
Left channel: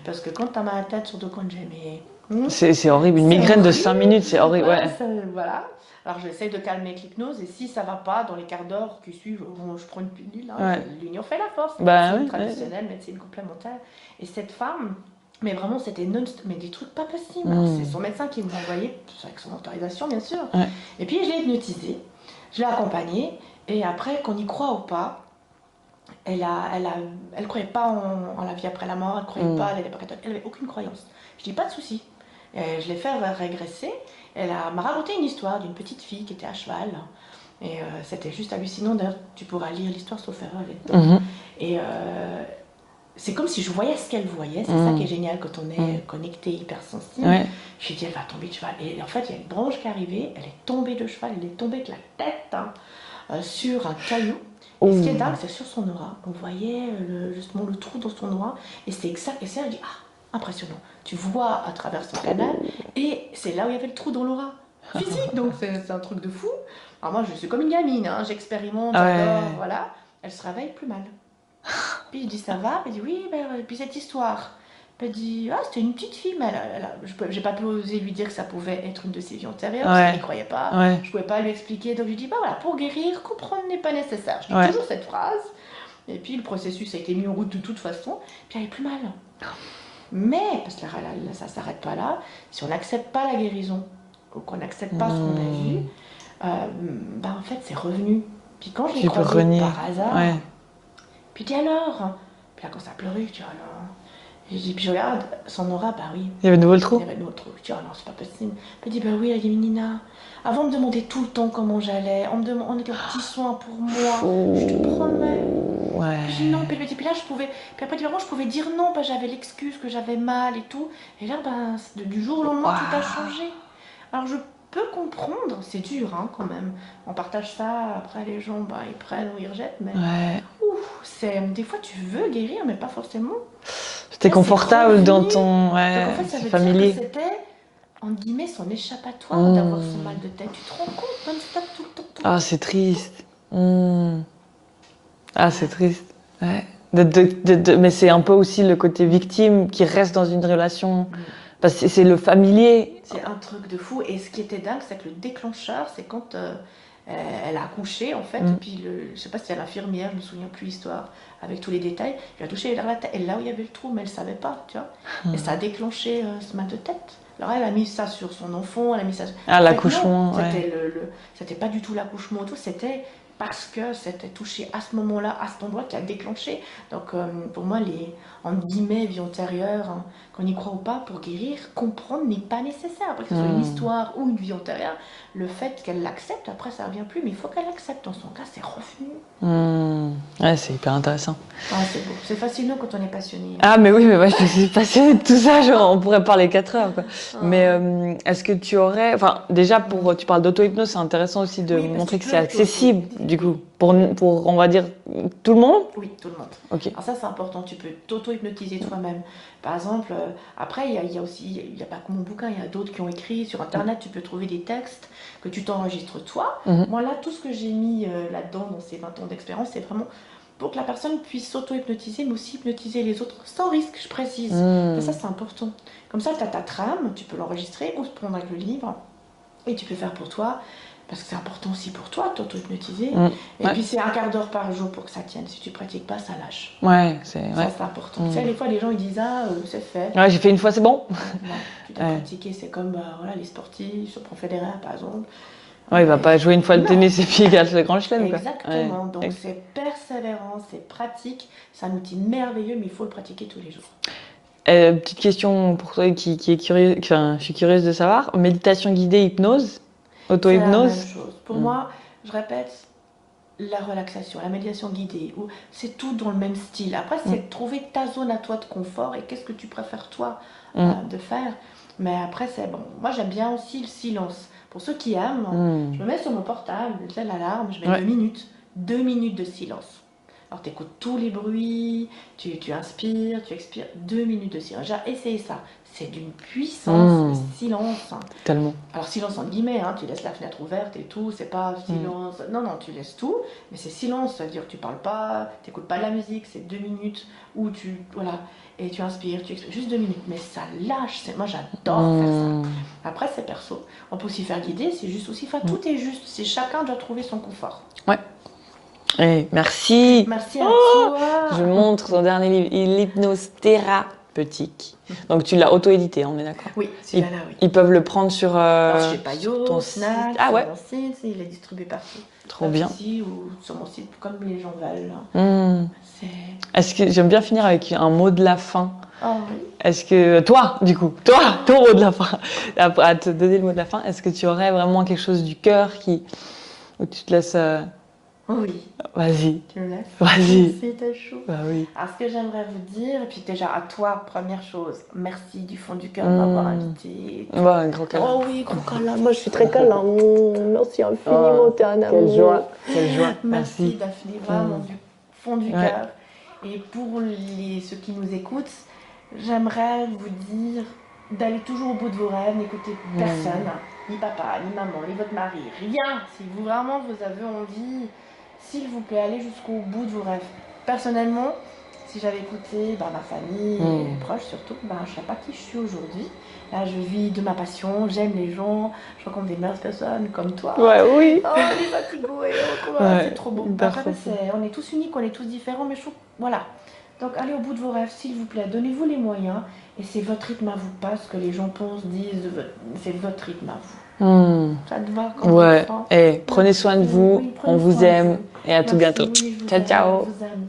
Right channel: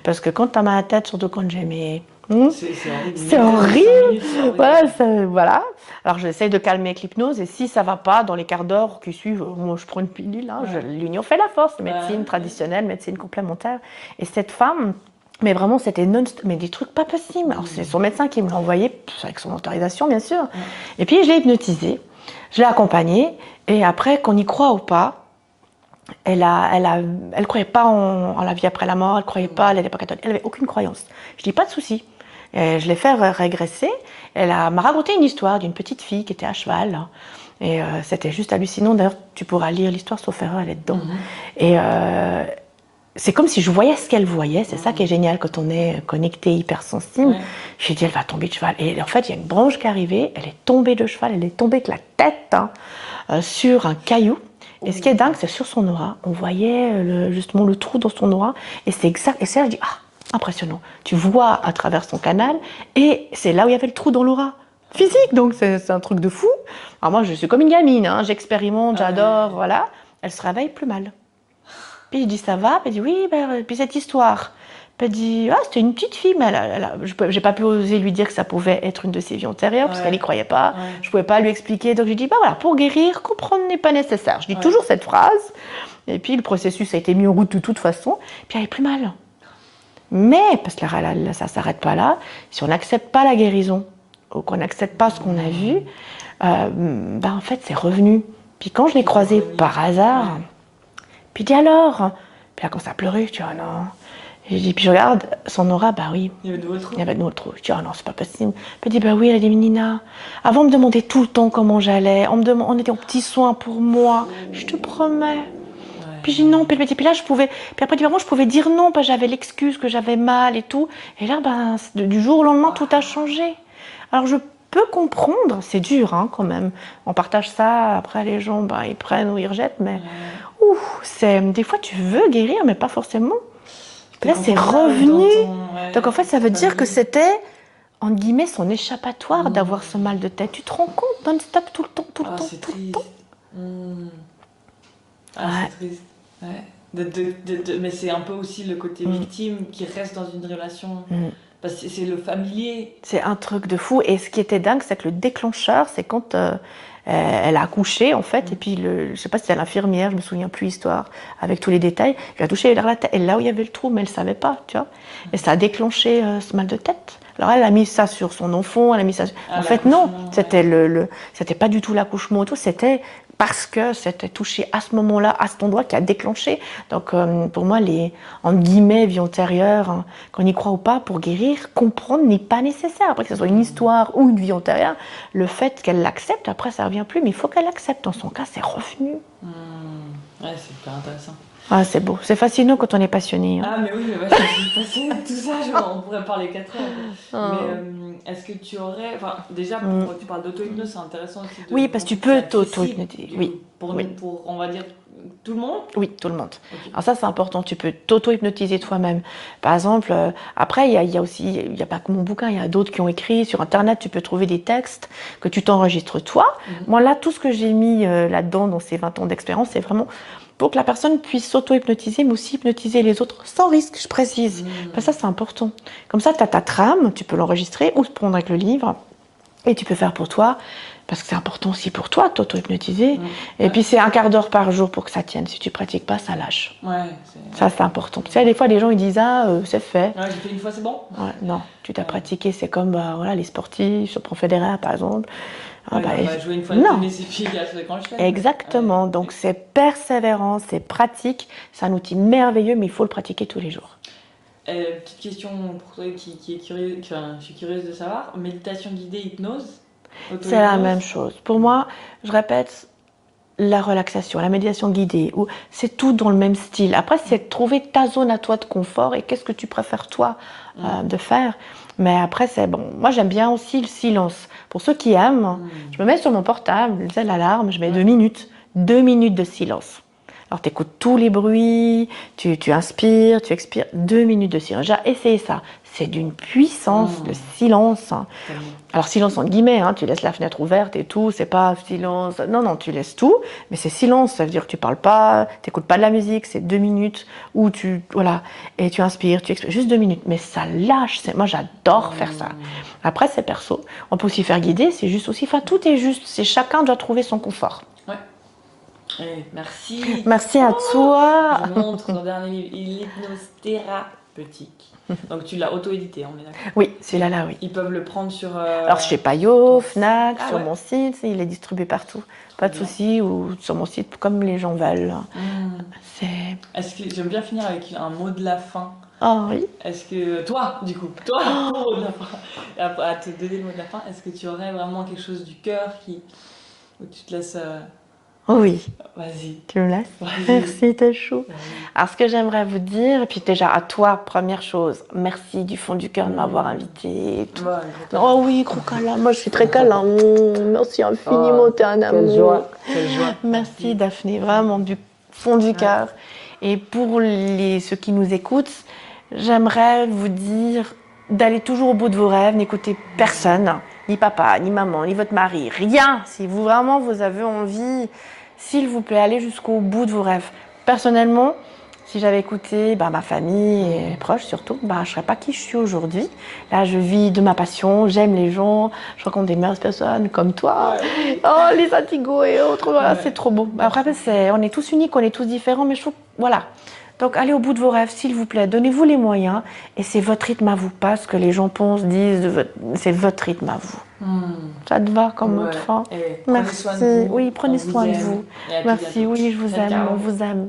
parce que quand tu as mal à la tête, surtout quand j'ai mes... C'est horrible, une migraine de 5 minutes, c'est horrible. Voilà. Alors j'essaye de calmer avec l'hypnose, et si ça ne va pas, dans les quarts d'heure qui suivent, moi je prends une pilule, l'union fait la force, médecine traditionnelle, médecine complémentaire. Et cette femme, mais vraiment c'était mais des trucs pas possibles. Alors c'est son médecin qui me l'a envoyé, avec son autorisation bien sûr. Et puis je l'ai hypnotisée, je l'ai accompagnée, et après qu'on y croit ou pas, elle croyait pas en la vie après la mort, elle croyait pas, elle n'était pas catholique, elle avait aucune croyance. Je dis pas de souci. Et je l'ai fait régresser. M'a raconté une histoire d'une petite fille qui était à cheval. Et c'était juste hallucinant. D'ailleurs, tu pourras lire l'histoire, sauf erreur, elle est dedans. Et c'est comme si je voyais ce qu'elle voyait. C'est ça qui est génial quand on est connecté, hypersensible. J'ai dit, elle va tomber de cheval. Et en fait, il y a une branche qui est arrivée. Elle est tombée de cheval. Elle est tombée avec la tête sur un caillou. Et ce qui est dingue, c'est sur son aura. On voyait justement le trou dans son aura. Et c'est exact. Et ça, je dis, impressionnant. Tu vois à travers son canal. Et c'est là où il y avait le trou dans l'aura physique. Donc c'est un truc de fou. Alors moi, je suis comme une gamine. J'expérimente, j'adore. Voilà. Elle se réveille plus mal. Puis je dis, ça va? Elle dit, oui, puis cette histoire. Puis elle dit, ah, c'était une petite fille, mais j'ai pas pu oser lui dire que ça pouvait être une de ses vies antérieures, parce qu'elle n'y croyait pas. Ouais. Je pouvais pas lui expliquer. Donc, je lui dis, bah voilà, pour guérir, comprendre n'est pas nécessaire. Je dis Ouais. toujours cette phrase. Et puis, le processus a été mis en route de toute façon. Puis, elle est plus mal. Mais, parce que ça ne s'arrête pas là, si on n'accepte pas la guérison, ou qu'on n'accepte pas ce qu'on a vu, en fait, c'est revenu. Puis quand je l'ai croisée par hasard, puis je dis alors, puis là, quand ça a pleuré, je dis, oh non. Et je dis, puis je regarde son aura, bah oui. Il y avait de nouveau le trou. Il y avait de nouveau le trou. Je dis, oh non, c'est pas possible. Puis elle dit, bah oui, elle a dit, Nina, avant de me demander tout le temps comment j'allais, on était en petits soins pour moi, je te promets. Ouais. Puis j'ai dit non, puis là je pouvais, puis après je pouvais dire non, parce que j'avais l'excuse que j'avais mal et tout. Et là, du jour au lendemain, tout a changé. Alors je peux comprendre, c'est dur quand même. On partage ça, après les gens, ils prennent ou ils rejettent, mais des fois tu veux guérir, mais pas forcément. C'était confortable dans ton... Donc en fait, ça veut dire que c'était, entre guillemets, son échappatoire d'avoir ce mal de tête. Tu te rends compte, non-stop, tout le temps, tout le temps. Ah, c'est triste. Ah, c'est triste. Ouais. Mais c'est un peu aussi le côté victime qui reste dans une relation. Parce que c'est le familier. C'est un truc de fou. Et ce qui était dingue, c'est que le déclencheur, c'est quand elle a accouché, en fait. Et puis, je ne sais pas si c'était l'infirmière, je ne me souviens plus l'histoire, avec tous les détails. Elle a touché la tête. Et là où il y avait le trou, mais elle ne savait pas, tu vois. Et ça a déclenché ce mal de tête. Alors elle a mis ça sur son enfant, elle a mis ça. En fait, non, c'était pas du tout l'accouchement et tout. C'était parce que c'était touché à ce moment-là, à cet endroit qui a déclenché. Donc pour moi, les entre guillemets vie antérieure, qu'on y croit ou pas, pour guérir, comprendre n'est pas nécessaire. Après que ce soit une histoire ou une vie antérieure, le fait qu'elle l'accepte, après ça revient plus, mais il faut qu'elle l'accepte. Dans son cas, c'est revenu. Ouais, c'est hyper intéressant. Ah, c'est beau, c'est fascinant quand on est passionné. Ah, mais oui, mais moi je suis passionnée de tout ça, on pourrait parler 4 heures. Quoi. Mais est-ce que tu aurais. Enfin, déjà, tu parles d'auto-hypnose, c'est intéressant aussi de oui, parce que montrer que c'est accessible, du coup, pour, on va dire, tout le monde. Oui, tout le monde. Okay. Alors ça, c'est important, tu peux t'auto-hypnotiser toi-même. Par exemple, après, il y a aussi, il n'y a pas que mon bouquin, il y a d'autres qui ont écrit. Sur Internet, tu peux trouver des textes que tu t'enregistres toi. Moi, là, tout ce que j'ai mis là-dedans, dans ces 20 ans d'expérience, c'est vraiment pour que la personne puisse s'auto-hypnotiser, mais aussi hypnotiser les autres, sans risque, je précise. Ça, c'est important. Comme ça, tu as ta trame, tu peux l'enregistrer ou te prendre avec le livre, et tu peux faire pour toi, parce que c'est important aussi pour toi, t'auto-hypnotiser. Et puis, c'est 1/4 d'heure par jour pour que ça tienne. Si tu pratiques pas, ça lâche. Ça, c'est important. Tu sais, des fois, les gens, ils disent, c'est fait. Ouais, j'ai fait une fois, c'est bon. Non, tu t'as pratiqué. C'est comme les sportifs, sur Federer, par exemple. Il va pas jouer une fois le tennis et puis il gagne le grand chelem. Exactement. Donc, c'est persévérant, c'est pratique. C'est un outil merveilleux, mais il faut le pratiquer tous les jours. Petite question pour toi qui est curieuse, je suis curieuse de savoir. Méditation guidée, hypnose, auto-hypnose. C'est la même chose. Pour moi, je répète, la relaxation, la méditation guidée, c'est tout dans le même style. Après, c'est de trouver ta zone à toi de confort et qu'est-ce que tu préfères toi de faire. Mais après, c'est bon. Moi, j'aime bien aussi le silence. Pour ceux qui aiment, je me mets sur mon portable, l'alarme, je mets 2 minutes. 2 minutes de silence. Alors, tu écoutes tous les bruits, tu inspires, tu expires. 2 minutes de silence. J'ai essayé ça. C'est d'une puissance, le silence. Tellement. Alors, silence entre guillemets, tu laisses la fenêtre ouverte et tout, c'est pas silence. Non, tu laisses tout, mais c'est silence, ça veut dire que tu parles pas, tu n'écoutes pas de la musique, c'est 2 minutes où et tu inspires, tu expires, juste 2 minutes. Mais ça lâche, moi j'adore faire ça. Après, c'est perso. On peut aussi faire guider, c'est juste aussi, tout est juste, chacun doit trouver son confort. Ouais. Et merci. Merci à toi. Je montre ton dernier livre, l'hypnose thérapeutique. Donc tu l'as auto-édité, on est d'accord? Oui, celui-là, oui. Ils peuvent le prendre sur... Alors chez Payot, Fnac, sur mon site, il est distribué partout. Pas de souci, ou sur mon site, comme les gens veulent. Est-ce que j'aime bien finir avec un mot de la fin? Oh oui. Est-ce que toi, ton mot de la fin, à te donner le mot de la fin, est-ce que tu aurais vraiment quelque chose du cœur où tu te laisses... Oh oui. Vas-y. Tu me laisses? Vas-y. Merci, t'es chaud. Oui. Alors, ce que j'aimerais vous dire, et puis déjà à toi, première chose, merci du fond du cœur de m'avoir invitée. Un gros câlin. Oh oui, gros câlin. Moi, je suis très câlin. Merci infiniment, t'es un amour. Quelle joie. Merci, Daphné, vraiment du fond du cœur. Et pour ceux qui nous écoutent, j'aimerais vous dire d'aller toujours au bout de vos rêves, n'écoutez personne, ni papa, ni maman, ni votre mari, rien. Si vous avez envie, s'il vous plaît, allez jusqu'au bout de vos rêves. Personnellement, Si j'avais écouté ma famille et mes proches surtout, je ne serais pas qui je suis aujourd'hui. Là, je vis de ma passion, j'aime les gens, je rencontre des merveilleuses personnes comme toi. Ouais, oui. Oh, les Indigo et autres, Ouais. c'est trop beau. Après, on est tous uniques, on est tous différents, mais je trouve, voilà. Donc, allez au bout de vos rêves, s'il vous plaît. Donnez-vous les moyens. Et c'est votre rythme à vous, pas ce que les gens pensent, disent. C'est votre rythme à vous. Ça te va comme ouais. enfant? Et prenez soin de vous. Oui, prenez on vous soin de aime. vous. Et à tout Merci, bientôt. oui, je vous Ciao, aime. ciao. On vous aime.